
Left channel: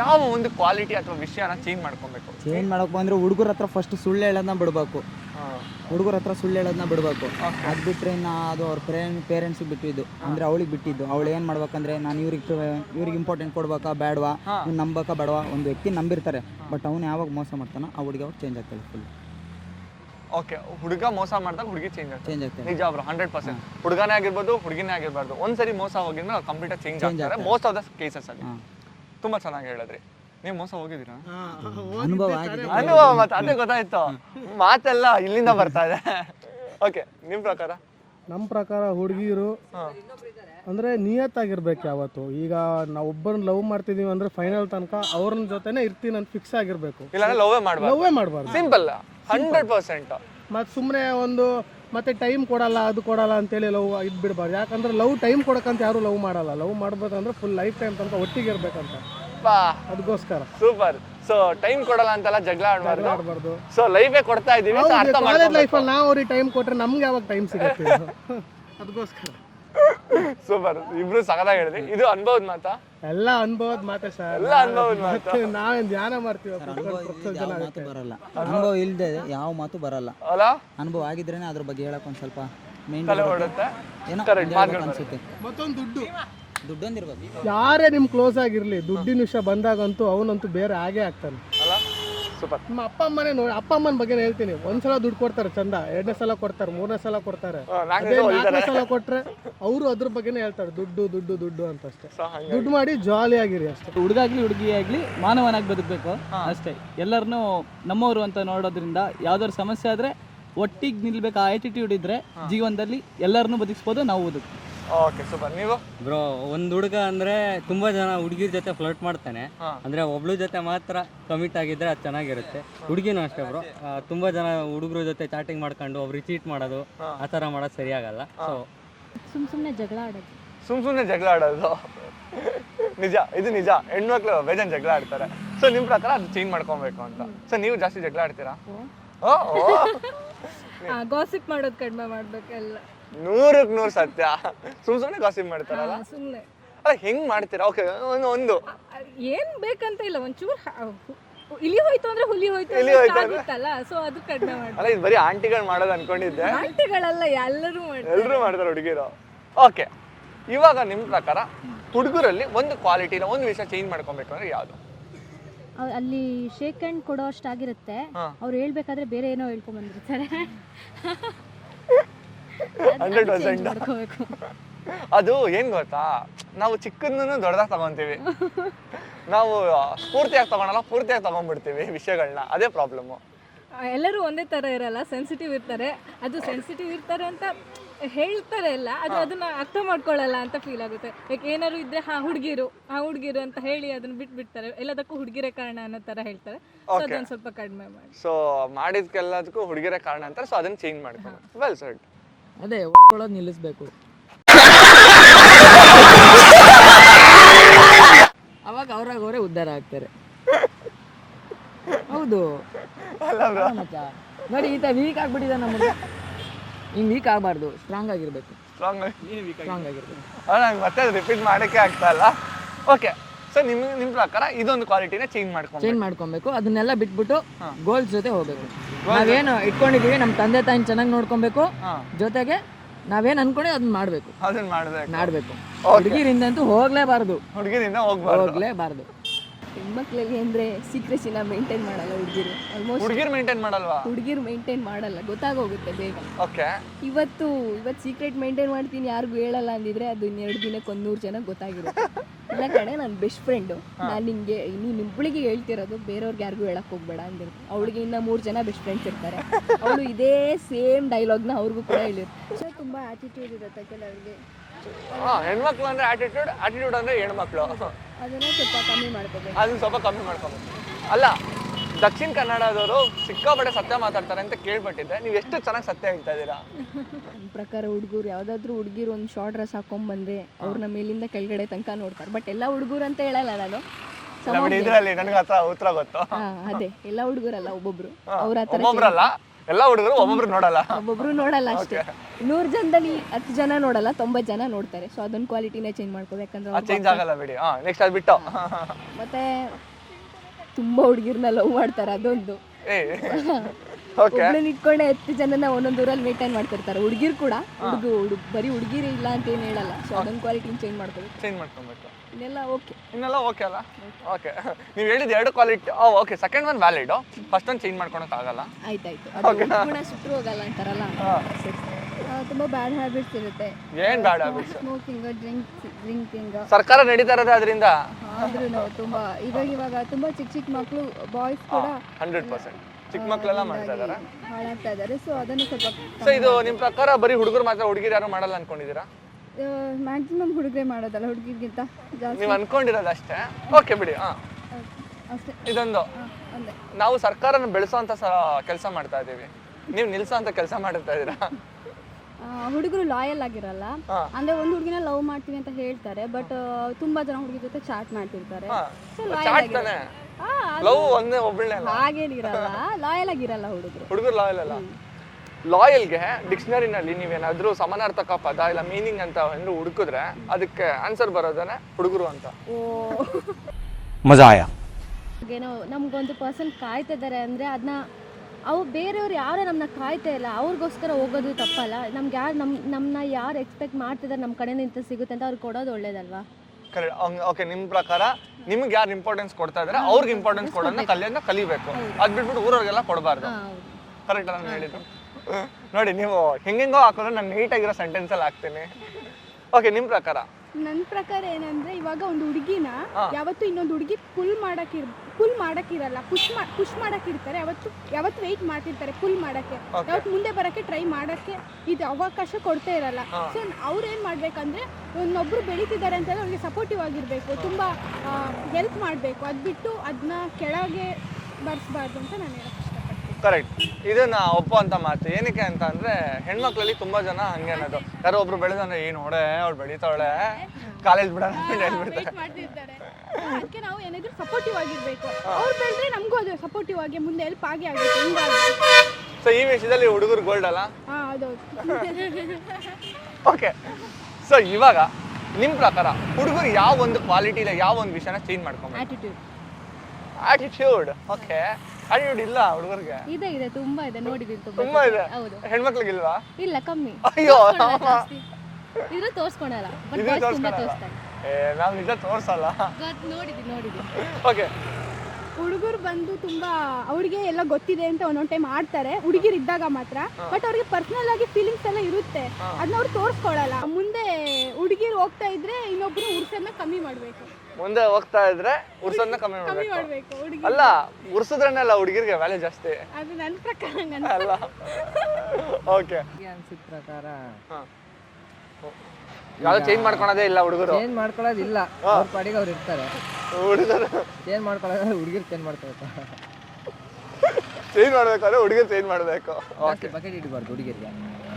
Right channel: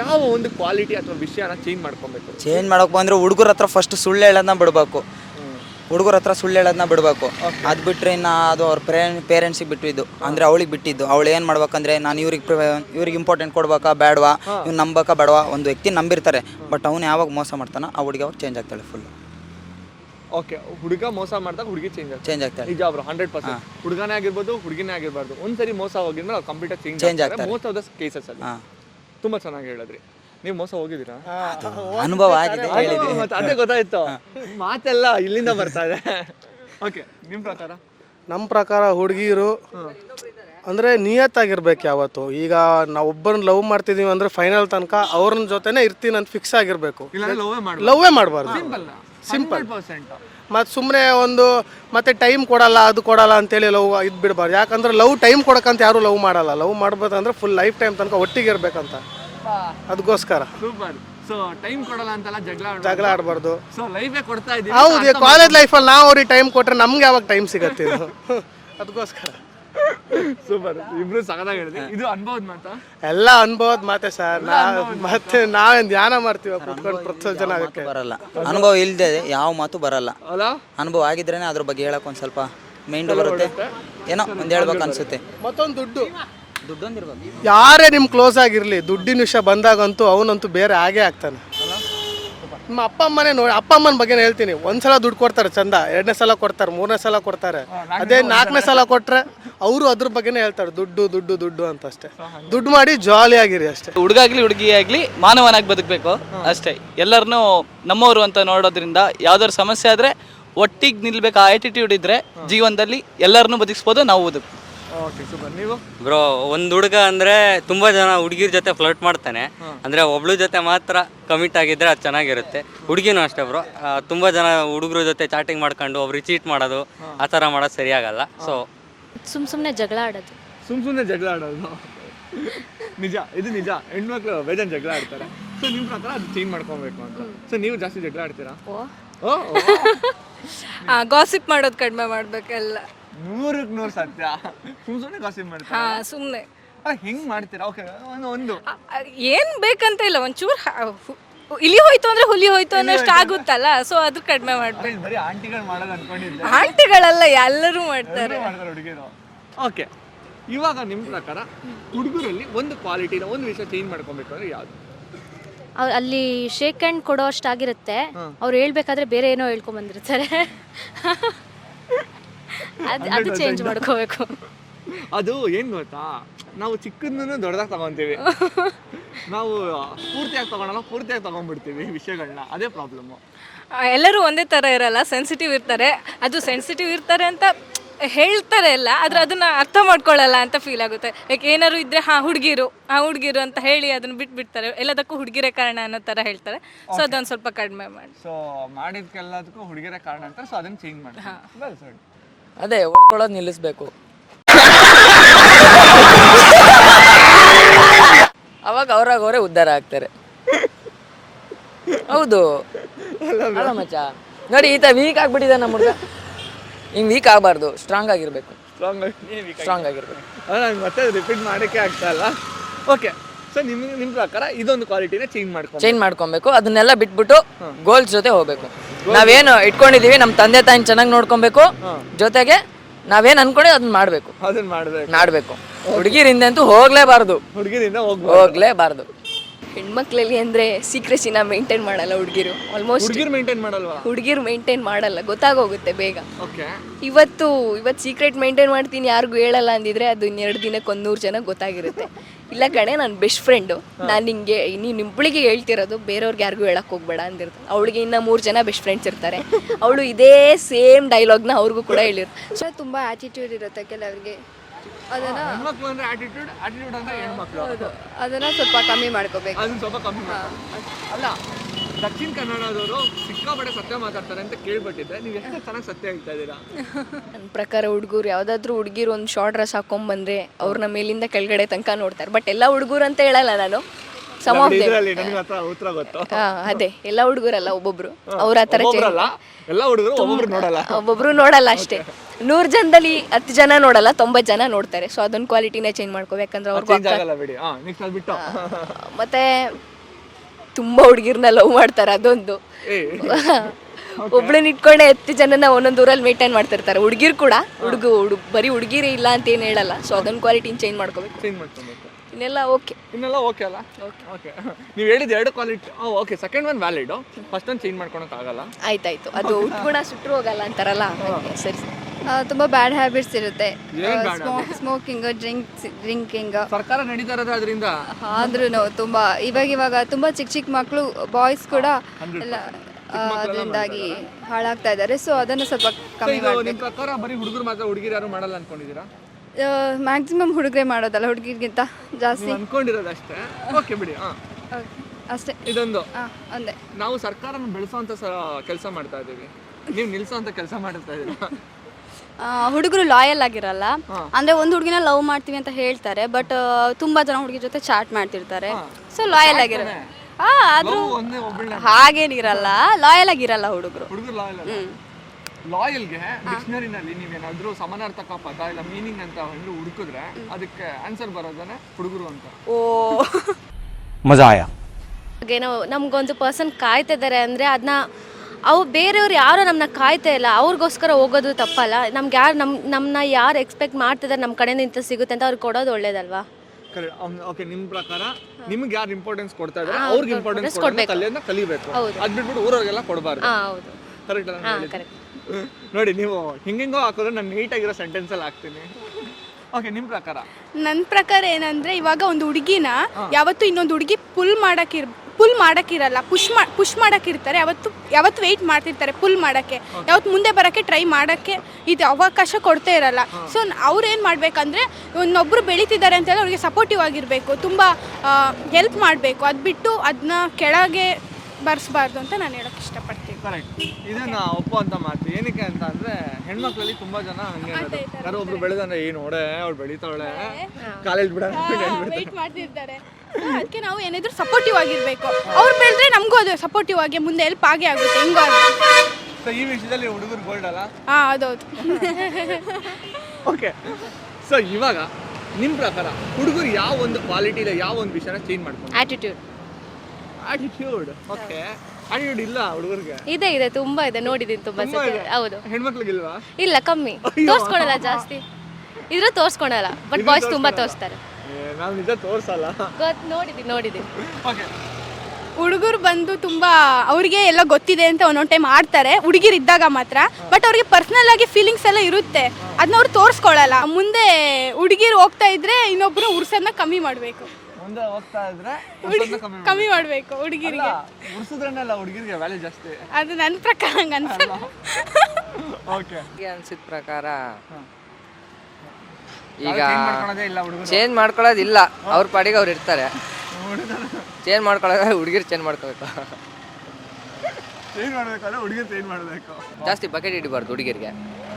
ಯಾವ ಒಂದು ಕ್ವಾಲಿಟಿ ಅಥವಾ ವಿಷಯನ ಚೇಂಜ್ ಮಾಡ್ಕೊಬೇಕು? ಚೇಂಜ್ ಮಾಡಕ್ ಬಂದ್ರೆ ಹುಡುಗರ ಹತ್ರ ಫಸ್ಟ್ ಸುಳ್ಳು ಹೇಳೋದನ್ನ ಬಿಡಬೇಕು. ಹುಡುಗರ ಹತ್ರ ಸುಳ್ಳು ಹೇಳೋದನ್ನ ಬಿಡಬೇಕು. ಅದು ಬಿಟ್ಟರೆ ಇನ್ನು ಅದು ಅವ್ರ ಪೇರೆಂಟ್ಸಿಗೆ ಬಿಟ್ಟಿದ್ದು, ಅಂದರೆ ಅವಳಿಗೆ ಬಿಟ್ಟಿದ್ದು. ಅವಳು ಏನು ಮಾಡ್ಬೇಕಂದ್ರೆ ನಾನು ಇವ್ರಿಗೆ ಇಂಪಾರ್ಟೆಂಟ್ ಕೊಡ್ಬೇಕಾ ಬೇಡವಾ, ಇವ್ನು ನಂಬೇಕಾ ಬೇಡವಾ. ಒಂದು ವ್ಯಕ್ತಿ ನಂಬಿರ್ತಾರೆ, ಬಟ್ ಅವ್ನು ಯಾವಾಗ ಮೋಸ ಮಾಡ್ತಾನೆ ಆ ಹುಡುಗಿ ಅವ್ರು ಚೇಂಜ್ ಆಗ್ತಾಳೆ ಫುಲ್. ಓಕೆ, ಹುಡುಗ ಮೋಸ ಮಾಡಿದಾಗ ಹುಡುಗಿ ಚೇಂಜ್ ಆಗ್ತಾಳೆ. ನಿಜ ಬ್ರೋ, 100%. ಹುಡುಗನೇ ಆಗಿರ್ಬೋದು, ಹುಡುಗಿನೇ ಆಗಿರ್ಬಾರ್ದು. ಒಂದ್ಸರಿ ಮೋಸ ಹೋಗಿದ್ಮೇಲೆ ಕಂಪ್ಲೀಟ್ ಚೇಂಜ್ ಆಗ್ತಾರೆ. ಮೋಸ್ಟ್ ಆಫ್ ದ ಕೇಸಸ್ ಅಲ್ಲಿ. ತುಂಬಾ ಚೆನ್ನಾಗಿ ಹೇಳಿದ್ರಿ. ನೀವು ಮೋಸ ಹೋಗಿದ್ದೀರಾ? ಅನುಭವ ಆಗಿದೆ. ಅದೇ ಗೊತ್ತಾಯ್ತು, ಮಾತೆಲ್ಲ ಇಲ್ಲಿಂದ ಬರ್ತಾ ಇದೆ. ಓಕೆ, ನಿಮ್ಮ ಪ್ರಕಾರ? ನಮ್ಮ ಪ್ರಕಾರ ಹುಡುಗಿರು ಅಂದರೆ ನಿಯತ್ತಾಗಿರ್ಬೇಕು ಯಾವತ್ತು. ಈಗ ನಾವು ಒಬ್ಬರನ್ನ ಲವ್ ಮಾಡ್ತಿದೀವಿ ಅಂದರೆ ಫೈನಲ್ ತನಕ ಅವ್ರನ್ನ ಜೊತೆನೇ ಇರ್ತೀನಿ ಅಂತ ಫಿಕ್ಸ್ ಆಗಿರಬೇಕು. ಲವ್ವೇ ಮಾಡಬಾರ್ದು. ಸಿಂಪಲ್ 100%. ಮತ್ತು ಸುಮ್ಮನೆ ಮತ್ತೆ ಟೈಮ್ ಕೊಡಲ್ಲ, ಅದು ಕೊಡಲ್ಲ ಅಂತೇಳಿ ಲವ್ ಇದು ಬಿಡಬಾರ್ದು. ಯಾಕಂದ್ರೆ ಲವ್ ಟೈಮ್ ಕೊಡಕ್ಕಂತ ಯಾರು ಲವ್ ಮಾಡಲ್ಲ. ಲವ್ ಮಾಡ್ಬೇಕಂದ್ರೆ ಫುಲ್ ಲೈಫ್ ಟೈಮ್ ತನಕ ಒಟ್ಟಿಗೆ ಇರ್ಬೇಕಂತ, ಅದಕ್ಕೋಸ್ಕರ. ಸೂಪರ್. ಸೊ ಟೈಮ್ ಕೊಡಲ್ಲ ಅಂತೆಲ್ಲ ಜಗಳ ಆಡಬಾರ್ದು. ಸೊ ಲೈಫೇ ಕೊಡ್ತಾ ಇದ್ದೀವಿ. ಹೌದು, ಕಾಲೇಜ್ ಲೈಫಲ್ಲಿ ನಾವು ಅವ್ರಿಗೆ ಟೈಮ್ ಕೊಟ್ರೆ ನಮ್ಗೆ ಯಾವಾಗ ಟೈಮ್ ಸಿಗತ್ತೆ, ಅದಕ್ಕೋಸ್ಕರ. ಸೂಪರ್, ಇಬ್ರು ಸಗದಾಗಿ ಹೇಳಿದೆ. ಇದು ಅನುಭವದ ಮಾತಾ? ಎಲ್ಲ ಅನುಭವದ ಮಾತೆ ಸರ್. ಮತ್ತೆ ನಾವೇನ್ ಧ್ಯಾನ ಮಾಡ್ತೀವಿ ಕುತ್ಕೊಂಡು ಪ್ರತಿ ಜನ. ಅದಕ್ಕೆ ಬರಲ್ಲ, ಅನುಭವ ಇಲ್ಲದೆ ಯಾವ ಮಾತು ಬರಲ್ಲ. ಅಲ್ಲ, ಅನುಭವ ಆಗಿದ್ರೇನೆ ಅದ್ರ ಬಗ್ಗೆ ಹೇಳಕ್ ಒಂದ್ ಸ್ವಲ್ಪ ಮೈಂಡ್ ಬರುತ್ತೆ, ಏನೋ ಒಂದು ಹೇಳ್ಬೇಕು ಅನ್ಸುತ್ತೆ. ಮತ್ತೊಂದು ದುಡ್ಡೊಂದಿರ್ಬೇಕು. ಯಾರೇ ನಿಮ್ ಕ್ಲೋಸ್ ಆಗಿರ್ಲಿ, ದುಡ್ಡಿನ ವಿಷಯ ಬಂದಾಗಂತೂ ಅವನಂತೂ ಬೇರೆ ಆಗೇ ಆಗ್ತಾನೆ. ನಿಮ್ಮ ಅಪ್ಪ ಅಮ್ಮನೇ ನೋಡಿ, ಅಪ್ಪ ಅಮ್ಮನ ಬಗ್ಗೆ ಹೇಳ್ತೀನಿ. ಒಂದ್ಸಲ ದುಡ್ಡು ಕೊಡ್ತಾರೆ ಚಂದ, 2ನೇ ಸಲ ಕೊಡ್ತಾರೆ, 3ನೇ ಸಲ ಕೊಡ್ತಾರೆ. ಅದೇ 4ನೇ ಸಲ ಕೊಟ್ರೆ ಅವರು ಅದ್ರ ಬಗ್ಗೆನೇ ಹೇಳ್ತಾರೆ, ದುಡ್ಡು ದುಡ್ಡು ದುಡ್ಡು ಅಂತ. ಅಷ್ಟೇ, ದುಡ್ಡು ಮಾಡಿ ಜಾಲಿ ಆಗಿರಿ ಅಷ್ಟೇ. ಹುಡುಗಾಗ್ಲಿ ಹುಡುಗಿ ಆಗ್ಲಿ ಮಾನವನಾಗಿ ಬದುಕಬೇಕು ಅಷ್ಟೇ. ಎಲ್ಲರನ್ನೂ ನಮ್ಮವರು ಅಂತ ನೋಡೋದ್ರಿಂದ ಯಾವ್ದಾದ್ರು ಸಮಸ್ಯೆ ಆದ್ರೆ ಒಟ್ಟಿಗೆ ನಿಲ್ಬೇಕು. ಆ ಆಟಿಟ್ಯೂಡ್ ಇದ್ರೆ ಜೀವನದಲ್ಲಿ ಎಲ್ಲರನ್ನೂ ಬದುಕಿಸ್ಬೋದು, ನಾವು ಬದುಕು. Okay, super. ನೀವು? ಬ್ರೋ, ಒಂದು ಹುಡುಗ ಅಂದ್ರೆ ತುಂಬಾ ಜನ ಹುಡುಗಿರ ಜೊತೆ ಫ್ಲರ್ಟ್ ಮಾಡ್ತಾನೆ. ಅಂದ್ರೆ ಒಬ್ಳು ಜೊತೆ ಮಾತ್ರ ಕಮಿಟ್ ಆಗಿದ್ರೆ ಅದು ಚೆನ್ನಾಗಿರುತ್ತೆ. ಹುಡುಗಿನೂ ಅಷ್ಟೇ ಬ್ರೋ, ತುಂಬಾ ಜನ ಹುಡುಗರ ಜೊತೆ ಚಾಟಿಂಗ್ ಮಾಡ್ಕೊಂಡು ಒಬ್ರಿಗೆ ಚೀಟ್ ಮಾಡೋದು, ಆ ಥರ ಮಾಡೋದು ಸರಿಯಾಗಲ್ಲ. ಸೊ ಸುಮ್ಮನೆ ಜಗಳ ಆಡೋದು. ಸುಮ್ಮನೆ ಜಗಳ ಆಡೋದು ನಿಜ, ಇದು ನಿಜ. ಹೆಣ್ಮಕ್ಳು ಬೇಜಾನ್ ಜಗಳ ಆಡ್ತಾರೆ. ಸೊ ನಿಮ್ಮ ಪ್ರಕಾರ ಅದು ಚೇಂಜ್ ಮಾಡ್ಕೊಬೇಕು ಅಂತ. ಸೊ ನೀವು ಜಾಸ್ತಿ ಜಗಳ ಆಡ್ತೀರಾ? ಗಾಸಿಪ್ ಮಾಡೋದು ಕಡಿಮೆ ಮಾಡ್ಬೇಕೆಲ್ಲ. 100ಕ್ಕೆ 100 ಸತ್ಯ. ಸುಮ್ಮನೆ ಗಾಸಿಪ್ ಮಾಡ್ತೀರಾ? ಸುಮ್ಮನೆ ಅಲ್ಲ, ಹೆಂಗ್ ಮಾಡ್ತೀರಾ? ಓಕೆ, ಒಂದು ಏನ್ ಬೇಕಂತ ಇಲ್ಲ, ಒಂಚೂರು ಇಲಿ ಹೋಯ್ತು ಅಂದ್ರೆ ಹುಲಿ ಹೋಯ್ತು ಅನ್ನೋಷ್ಟು ಆಗುತ್ತಲ್ಲ. ಸೊ ಅದು ಕಡಿಮೆ ಮಾಡ್ಬೇಕು. ಇದು ಬರೀ ಆಂಟಿಗಳು ಮಾಡೋದು ಅನ್ಕೊಂಡಿದ್ದೆ. ಆಂಟಿಗಳಲ್ಲ, ಎಲ್ಲರೂ ಮಾಡ್ತಾರೆ ಹುಡುಗಿರು. ಓಕೆ, ಇವಾಗ ನಿಮ್ಮ ಪ್ರಕಾರ ಹುಡುಗರಲ್ಲಿ ಒಂದು ಕ್ವಾಲಿಟಿನ ಒಂದು ವಿಷಯ ಚೇಂಜ್ ಮಾಡ್ಕೊಬೇಕು ಅಂದ್ರೆ ಯಾವುದು? ಅಲ್ಲಿ ಶೇಕ್ ಹ್ಯಾಂಡ್ ಕೊಡೋ ಅಷ್ಟಾಗಿರುತ್ತೆ, ಅವ್ರು ಹೇಳ್ಬೇಕಾದ್ರೆ ಬೇರೆ ಏನೋ ಹೇಳ್ಕೊಂಡ್ ಬಂದಿರ್ತಾರೆ. ಅದು ಚೇಂಜ್ ಮಾಡ್ಕೋಬೇಕು. ಅದು ಏನ್ ಗೊತ್ತಾ, ನಾವು ಚಿಕ್ಕದನ್ನು ದೊಡ್ಡದಾಗಿ ತಗೊಂತೀವಿ. ನಾವು ಪೂರ್ತಿಯಾಗಿ ತಗೊಳಲ್ಲ, ಪೂರ್ತಿಯಾಗಿ ತಗೊಂಡ್ಬಿಡ್ತೀವಿ ವಿಷಯಗಳನ್ನ. ಅದೇ ಪ್ರಾಬ್ಲಮ್ಮು. ಎಲ್ಲರೂ ಒಂದೇ ಥರ ಇರಲ್ಲ, ಸೆನ್ಸಿಟಿವ್ ಇರ್ತಾರೆ. ಅದು ಸೆನ್ಸಿಟಿವ್ ಇರ್ತಾರೆ ಅಂತ ಹೇಳ್ತಾರೆ ಎಲ್ಲ, ಆದರೆ ಅದನ್ನ ಅರ್ಥ ಮಾಡ್ಕೊಳ್ಳಲ್ಲ ಅಂತ ಫೀಲ್ ಆಗುತ್ತೆ. ಯಾಕೆ ಏನಾದ್ರು ಇದ್ರೆ ಹುಡುಗಿರು ಅಂತ ಹೇಳಿ ಅದನ್ನ ಬಿಟ್ಬಿಡ್ತಾರೆ. ಎಲ್ಲದಕ್ಕೂ ಹುಡುಗಿರೇ ಕಾರಣ ಅನ್ನೋ ಥರ ಹೇಳ್ತಾರೆ. ಸೊ ಅದೊಂದು ಸ್ವಲ್ಪ ಕಡಿಮೆ ಮಾಡಿ. ಸೊ ಮಾಡಿದ್ಕೆಲ್ಲದಕ್ಕೂ ಹುಡುಗಿರೇ ಕಾರಣ ಅಂತಾರೆ. ಸೊ ಅದನ್ನ ಚೇಂಜ್ ಮಾಡಿ. Well shed. ಅದೇ ಹೊಡ್ಕೊಳ್ಳೋದು ನಿಲ್ಲಿಸ್ಬೇಕು. ಅವಾಗ ಅವರೇ ಉದ್ಧಾರ ಆಗ್ತಾರೆ. ಹೌದು ಅಲ್ಲ ಮಚ್ಚ, ನೋಡಿ ಈತ ವೀಕ್ ಆಗ್ಬಿಟ್ಟಿದೆ ನಮ್ಮ ಹುಡುಗ. ಹಿಂಗೆ ವೀಕ್ ಆಗಬಾರ್ದು, ಸ್ಟ್ರಾಂಗ್ ಆಗಿರ್ಬೇಕು. ಸ್ಟ್ರಾಂಗ್ ಆಗಿರ್ಬೇಕು. ನಾನು ಮತ್ತೆ ರಿಪೀಟ್ ಮಾಡೋಕ್ಕೆ ಆಗ್ತಾ ಇಲ್ಲ. ಓಕೆ, ಸೊ ನಿಮ್ಮ ಪ್ರಕಾರ ಇದೊಂದು ಕ್ವಾಲಿಟಿನ ಚೇಂಜ್ ಮಾಡ್ಕೊಬೇಕು. ಅದನ್ನೆಲ್ಲ ಬಿಟ್ಬಿಟ್ಟು ಗೋಲ್ಸ್ ಜೊತೆ ಹೋಗ್ಬೇಕು. ನಾವೇನು ಇಟ್ಕೊಂಡಿದೀವಿ, ನಮ್ಮ ತಂದೆ ತಾಯಿನ ಚೆನ್ನಾಗಿ ನೋಡ್ಕೊಬೇಕು, ಜೊತೆಗೆ ನಾವೇನು ಅನ್ಕೊಂಡಿ ಅದನ್ನ ಮಾಡ್ಬೇಕು. ಹುಡುಗಿರಿಂದ ಅಂತೂ ಹೋಗ್ಲೇಬಾರ್ದು. ಹೋಗ್ಲೇಬಾರ್ದು. ಹೆಣ್ಮಕ್ಳಲ್ಲಿ ಅಂದರೆ ಸೀಕ್ರೆಸಿನ ಮೇಂಟೈನ್ ಮಾಡಲ್ಲ ಹುಡುಗಿರು. ಆಲ್ಮೋಸ್ಟ್ ಹುಡುಗಿರು ಮೇಂಟೈನ್ ಮಾಡಲ್ಲ, ಗೊತ್ತಾಗೋಗುತ್ತೆ ಬೇಗ. ಇವತ್ತು ಸೀಕ್ರೆಟ್ ಮೇಂಟೈನ್ ಮಾಡ್ತೀನಿ ಯಾರಿಗೂ ಹೇಳಲ್ಲ ಅಂದಿದ್ರೆ ಅದು ಇನ್ನೆರಡು ದಿನಕ್ಕೆ 100 ಜನ ಗೊತ್ತಾಗಿರುತ್ತೆ. ಇಲ್ಲ ಕಣೆ, ನನ್ನ ಬೆಸ್ಟ್ ಫ್ರೆಂಡು, ನಾನು ನಿಂಗೆ ನಿಂಬಳಿಗೆ ಹೇಳ್ತಿರೋದು, ಬೇರೆಯವ್ರಿಗೆ ಯಾರಿಗೂ ಹೇಳಕ್ಕೆ ಹೋಗ್ಬೇಡ ಅಂದಿರ್ತಾರೆ. ಅವಳಿಗೆ ಇನ್ನು 3 ಜನ ಬೆಸ್ಟ್ ಫ್ರೆಂಡ್ಸ್ ಇರ್ತಾರೆ. ಅವಳು ಇದೇ ಸೇಮ್ ಡೈಲಾಗ್ನ ಅವ್ರಿಗೂ ಕೂಡ ಹೇಳಿರ್ತಾರೆ. ಸೊ ತುಂಬ ಆಟಿಟ್ಯೂಡ್ ಇರುತ್ತೆ ಕೆಲವರಿಗೆ. ಹೆಣ್ಮಕ್ಳು ಅಂದ್ರೆ ಆಟಿಟ್ಯೂಡ್ ಅಂದ್ರೆ ಹೆಣ್ಮಕ್ಳು. ಅದನ್ನ ಸ್ವಲ್ಪ ಕಮ್ಮಿ ಮಾಡ್ಕೋಬೇಕು. ಅದನ್ನ ಸ್ವಲ್ಪ ಕಮ್ಮಿ ಮಾಡ್ಕೋಬೇಕು. ಅಲ್ಲ, ದಕ್ಷಿಣ ಕನ್ನಡದವರು ಸಿಕ್ಕಾಪಟ್ಟೆ ಸತ್ಯ ಮಾತಾಡ್ತಾರೆ ಅಂತ ಕೇಳ್ಬಿಟ್ಟಿದ್ದೆ. ನೀವು ಎಷ್ಟು ಚೆನ್ನಾಗಿ ಸತ್ಯ ಹೇಳ್ತಾ ಇದ್ದೀರಾ. ನನ್ನ ಪ್ರಕಾರ ಹುಡುಗರು ಯಾವುದಾದ್ರೂ ಹುಡುಗಿರು ಒಂದು ಶಾರ್ಟ್ ಡ್ರೆಸ್ ಹಾಕೊಂಡ್ಬಂದ್ರೆ ಅವ್ರನ್ನ ಮೇಲಿಂದ ಕೆಳಗಡೆ ತನಕ ನೋಡ್ತಾರೆ. ಬಟ್ ಎಲ್ಲ ಹುಡುಗರು ಅಂತ ಹೇಳಲ್ಲ ನಾನು. ಉತ್ತರ ಗೊತ್ತು. ಅದೇ, ಎಲ್ಲ ಹುಡುಗರಲ್ಲ, ಒಬ್ಬೊಬ್ರು ಅವ್ರ ಆ ಥರ ಎಲ್ಲ ಹುಡುಗರು ಒಬ್ಬೊಬ್ರು ನೋಡಲ್ಲ ಅಷ್ಟೇ. 100 ಜನದಲ್ಲಿ 10 ಜನ ನೋಡಲ್ಲ, 90 ಜನ ನೋಡ್ತಾರೆ. ಸೊ ಅದೊಂದು ಕ್ವಾಲಿಟಿನೇ ಚೇಂಜ್ ಮಾಡ್ಕೋಬೇಕು. ಯಾಕಂದ್ರೆ ಅವ್ರಿಗೆ ಮತ್ತೆ ತುಂಬಾ ಹುಡುಗಿರ್ನ ಲವ್ ಮಾಡ್ತಾರೆ, ಅದೊಂದು. ಒಬ್ಳನ್ನ ಇಟ್ಕೊಂಡೆ 10 ಜನನ ಒಂದೊಂದು ಊರಲ್ಲಿ ಮೇಂಟೈನ್ ಮಾಡ್ತಿರ್ತಾರೆ. ಹುಡುಗಿರು ಕೂಡ ಬರೀ ಹುಡುಗಿರೇ ಇಲ್ಲ ಅಂತ ಏನು ಹೇಳಲ್ಲ. ಸೊ ಅದೊಂದು ಕ್ವಾಲಿಟಿನ ಚೇಂಜ್ ಮಾಡ್ಕೋಬೇಕು. ಇನ್ನೆಲ್ಲ ಓಕೆ ಅಲ್ಲ. ಓಕೆ, ನೀವು ಹೇಳಿದ 2 quality okay. Second one valid, first ಒಂದು ಚೇಂಜ್ ಮಾಡ್ಕೊಳಕ್ಕಾಗಲ್ಲ. ಆಯ್ತಾಯ್ತು, ಅದು ಗುಣ ಸುಟ್ಟರು ಹೋಗಲ್ಲ ಅಂತಾರಲ್ಲ. ಸರಿ. ತುಂಬ ಬ್ಯಾಡ್ ಹ್ಯಾಬಿಟ್ಸ್ ಇರುತ್ತೆ. ಸ್ಮೋಕಿಂಗ್, ಡ್ರಿಂಕಿಂಗ್ ಸರ್ಕಾರ ನಡೀತಾ ಇರೋದು ಅದರಿಂದ. ಆದ್ರೂ ತುಂಬ ಇವಾಗ ತುಂಬ ಚಿಕ್ಕ ಮಕ್ಕಳು, ಬಾಯ್ಸ್ ಕೂಡ ಅದರಿಂದಾಗಿ ಹಾಳಾಗ್ತಾ ಇದ್ದಾರೆ. ಸೊ ಅದನ್ನು ಸ್ವಲ್ಪ ಕಮ್ಮಿ ಮಾಡಿ. ನಿಮ್ಮ ಪ್ರಕಾರ ಬರೀ ಹುಡುಗರು ಮಾತ್ರ, ಹುಡುಗಿರು ಯಾರು ಮಾಡಲ್ಲ ಅನ್ಕೊಂಡಿದ್ದೀರಾ? ಮ್ಯಾಕ್ಸಿಮಮ್ ಹುಡುಗರೇ ಮಾಡೋದಲ್ಲ, ಹುಡುಗಿರ್ಗಿಂತ ಜಾಸ್ತಿ ನೀವು ಅನ್ಕೊಂಡಿರೋದು ಅಷ್ಟೇ. ಓಕೆ ಬಿಡಿ. ಅಷ್ಟೇ. ಇದೊಂದು ಒಂದೇ, ನಾವು ಸರ್ಕಾರನ ಬೆಳೆಸೋಂಥ ಕೆಲಸ ಮಾಡ್ತಾ ಇದ್ದೀವಿ, ನೀವು ನಿಲ್ಸೋಂಥ ಕೆಲಸ ಮಾಡ್ತಾ ಇದ್ದೀರಾ. ಹುಡುಗರು ಲಾಯಲ್ ಆಗಿರಲ್ಲ. ಅಂದ್ರೆ ಒಂದು ಹುಡುಗಿನ ಲವ್ ಮಾಡ್ತೀವಿ ಅಂತ ಹೇಳ್ತಾರೆ, ಬಟ್ ತುಂಬಾ ಜನ ಹುಡುಗಿ ಜೊತೆ ಚಾಟ್ ಮಾಡ್ತಿರ್ತಾರೆ. ಸೊ ಲಾಯಲ್ ಆಗಿರಲ್ಲ. ಅದು ಹಾಗೇನಿರಲ್ಲ, ಲಾಯಲ್ ಆಗಿರಲ್ಲ ಹುಡುಗರು. ಲಾಯಲ್ಗೆ ಡಿಕ್ಷನರಿನಲ್ಲಿ ನೀವೇನಾದ್ರೂ ಸಮಾನಾರ್ಥಕ ಪದ ಇಲ್ಲ ಮೀನಿಂಗ್ ಅಂತ ಹೆಣ್ಣು ಹುಡುಕಿದ್ರೆ ಅದಕ್ಕೆ ಆನ್ಸರ್ ಬರೋದನ್ನೇ ಹುಡುಗರು ಅಂತ. ಓ, ಮಜಾ ಆಯಾ. ನಮ್ಗೊಂದು ಪರ್ಸನ್ ಕಾಯ್ತಿದ್ದಾರೆ ಅಂದ್ರೆ ಅದನ್ನ ಬೇರೆಯವ್ರು ಯಾರೋ ನಮ್ಮನ್ನ ಕಾಯ್ತಾ ಇಲ್ಲ, ಅವ್ರಿಗೋಸ್ಕರ ಹೋಗೋದು ತಪ್ಪಲ್ಲ. ನಮ್ಗೆ ಯಾರು ನಮ್ಮನ್ನ ಯಾರು ಎಕ್ಸ್ಪೆಕ್ಟ್ ಮಾಡ್ತಿದ್ದಾರೆ ನಮ್ಮ ಕಡೆಯಿಂದ ಇಂಥ ಸಿಗುತ್ತೆ ಅಂತ ಅವ್ರಿಗೆ ಕೊಡೋದು ಒಳ್ಳೇದಲ್ವಾ? ಓಕೆ, ನಿಮ್ಮ ಪ್ರಕಾರ ನಿಮ್ಗೆ ಯಾರು ಇಂಪಾರ್ಟೆನ್ಸ್ ಕೊಡ್ತಾ ಇದ್ದಾರೆ ಅವ್ರಿಗೆ ಇಂಪಾರ್ಟೆನ್ಸ್ ಕೊಡಬೇಕು, ಕಲಿಬೇಕು. ಅದ್ ಬಿಟ್ಬಿಟ್ಟು ಊರವ್ರಿಗೆಲ್ಲ ಕೊಡಬಾರ್ದು. ಹೌದು, ಕರೆಕ್ಟ್. ನೋಡಿ, ನೀವು ಹೆಂಗೆಂಗೋ ಹಾಕಿದ್ರೆ ನಾನು ನೀಟಾಗಿರೋ ಸೆಂಟೆನ್ಸ್ ಅಲ್ಲಿ ಹಾಕ್ತೀನಿ. ಓಕೆ, ನಿಮ್ಮ ಪ್ರಕಾರ? ನನ್ನ ಪ್ರಕಾರ ಏನಂದ್ರೆ, ಇವಾಗ ಒಂದು ಹುಡುಗಿನ ಯಾವತ್ತು ಇನ್ನೊಂದು ಹುಡುಗಿ ಪುಲ್ ಮಾಡಕ್ಕಿರಲ್ಲ, ಪುಷ್ ಮಾಡಕ್ಕಿರ್ತಾರೆ. ಯಾವತ್ತು ವೆಯ್ಟ್ ಮಾಡ್ತಿರ್ತಾರೆ ಪುಲ್ ಮಾಡಕ್ಕೆ, ಯಾವತ್ತು ಮುಂದೆ ಬರೋಕ್ಕೆ ಟ್ರೈ ಮಾಡೋಕ್ಕೆ ಇದು ಅವಕಾಶ ಕೊಡ್ತಾ ಇರಲ್ಲ. ಸೊ ಅವ್ರು ಏನು ಮಾಡಬೇಕಂದ್ರೆ, ಇನ್ನೊಬ್ಬರು ಬೆಳೀತಿದ್ದಾರೆ ಅಂತೇಳಿ ಅವ್ರಿಗೆ ಸಪೋರ್ಟಿವ್ ಆಗಿರಬೇಕು, ತುಂಬ ಹೆಲ್ಪ್ ಮಾಡಬೇಕು. ಅದು ಬಿಟ್ಟು ಅದನ್ನ ಕೆಳಗೆ ಬರ್ಸ್ಬಾರ್ದು ಅಂತ ನಾನು ಹೇಳೋಕ್ಕೆ ಇಷ್ಟಪಡ್ತೀನಿ. ಕರೆಕ್ಟ್, ಇದನ್ನ ಒಪ್ಪೋ ಅಂತ ಮಾತು. ಏನಕ್ಕೆ ಅಂತ ಅಂದ್ರೆ, ಹೆಣ್ಮಕ್ಳಲ್ಲಿ ತುಂಬಾ ಜನ ಹಂಗೆ ಅನ್ನೋದು. ಯಾರೋ ಒಬ್ರು ಬೆಳೆದಂದ್ರೆ ಏನು ನೋಡೆ ಅವ್ಳು ಬೆಳೀತಾವಳೆ, ಕಾಲೇಜ್ ಬಿಡೋಣ ವೆಯ್ಟ್ ಮಾಡ್ತಿರ್ತಾರೆ. ಅದಕ್ಕೆ ನಾವು ಏನಿದ್ರು ಸಪೋರ್ಟಿವ್ ಆಗಿರಬೇಕು. ಅವ್ರು ಬೆಳೆದ್ರೆ ನಮಗೂ ಅದು ಸಪೋರ್ಟಿವ್ ಆಗಿ ಮುಂದೆ ಹೆಲ್ಪ್ ಆಗೇ ಆಗುತ್ತೆ. ಹಿಂಗೂ ಆಗುತ್ತೆ. ಸೊ ಈ ವಿಷಯದಲ್ಲಿ ಹುಡುಗರು ಗೋಲ್ಡ್ ಅಲ್ಲ? ಅದೌದು. ಓಕೆ, ಸೊ ಇವಾಗ ನಿಮ್ಮ ಪ್ರಕಾರ ಹುಡುಗರು ಯಾವ ಒಂದು ಕ್ವಾಲಿಟಿ ಇದೆ, ಯಾವ ಒಂದು ವಿಷಯನ ಚೇಂಜ್ ಮಾಡ್ಕೊಂಡು? ಆಟಿಟ್ಯೂಡ್. ಓಕೆ, ಆಟಿಟ್ಯೂಡ್ ಇಲ್ಲ ಹುಡುಗರಿಗೆ? ಇದೆ, ತುಂಬಾ ಇದೆ, ನೋಡಿದೀನಿ ತುಂಬಾ ಸತಿ. ಹೌದು. ಹೆಣ್ಮಕ್ಳಿಗಿಲ್ವಾ? ಇಲ್ಲ, ಕಮ್ಮಿ. ತೋರ್ಸ್ಕೊಳಲ್ಲ ಜಾಸ್ತಿ. ಇದ್ರೂ ತೋರ್ಸ್ಕೊಳಲ್ಲ, ಬಟ್ ಬಾಯ್ಸ್ ತುಂಬಾ ತೋರಿಸ್ತಾರೆ. ನಾವು ನಿಜ ತೋರ್ಸಲ್ಲ. ನೋಡಿದೀನಿ. ಓಕೆ, ಹುಡುಗರು ಬಂದು ತುಂಬ ಅವ್ರಿಗೆ ಎಲ್ಲ ಗೊತ್ತಿದೆ ಅಂತ ಒಂದೊಂದು ಟೈಮ್ ಆಡ್ತಾರೆ, ಹುಡುಗಿರು ಇದ್ದಾಗ ಮಾತ್ರ. ಬಟ್ ಅವ್ರಿಗೆ ಪರ್ಸ್ನಲ್ ಆಗಿ ಫೀಲಿಂಗ್ಸ್ ಎಲ್ಲ ಇರುತ್ತೆ, ಅದನ್ನ ಅವ್ರು ತೋರಿಸ್ಕೊಳ್ಳಲ್ಲ. ಮುಂದೆ ಹುಡುಗಿರು ಹೋಗ್ತಾ ಇದ್ರೆ ಇನ್ನೊಬ್ರು ಉರ್ಸನ್ನ ಕಮ್ಮಿ ಮಾಡಬೇಕು. ಮುಂದೆ ಹೋಗ್ತಾ ಇದ್ರೆ ಉರ್ಸನ್ನ ಕಮ್ಮಿ ಮಾಡಬೇಕು ಹುಡುಗಿರು. ಅಲ್ಲ ಉರ್ಸದ್ರನ್ನೆಲ್ಲ ಹುಡುಗಿರಿಗೆ ವ್ಯಾಲ್ಯೂ ಜಾಸ್ತಿ. ಅದು ನನ್ನ ಪ್ರಕಾರ ಹಂಗ ಅನ್ಸಲ್ಲ. ಓಕೆ ಅನ್ಸಿದ ಪ್ರಕಾರ ಚೇಂಜ್ ಮಾಡ್ಕೊಳೋದೇ ಇಲ್ಲ ಹುಡುಗರು. ಚೇಂಜ್ ಮಾಡ್ಕೊಳ್ಳೋದಿಲ್ಲ, ಅವ್ರ ಪಾಡಿಗೆ ಅವ್ರು ಇರ್ತಾರೆ. ಹುಡುಗರು ಚೇಂಜ್ ಮಾಡ್ಕೊಳ್ಳೋದು ಹುಡುಗಿರು ಚೇಂಜ್ ಮಾಡ್ಕೋಬೇಕು. ಚೇಂಜ್ ಮಾಡ್ಬೇಕಾದ್ರೆ ಹುಡುಗರು ಚೇಂಜ್ ಮಾಡ್ಬೇಕು. ಜಾಸ್ತಿ ಬಕೆಟ್ ಹಿಡಿಬಾರ್ದು ಹುಡುಗಿರಿಗೆ.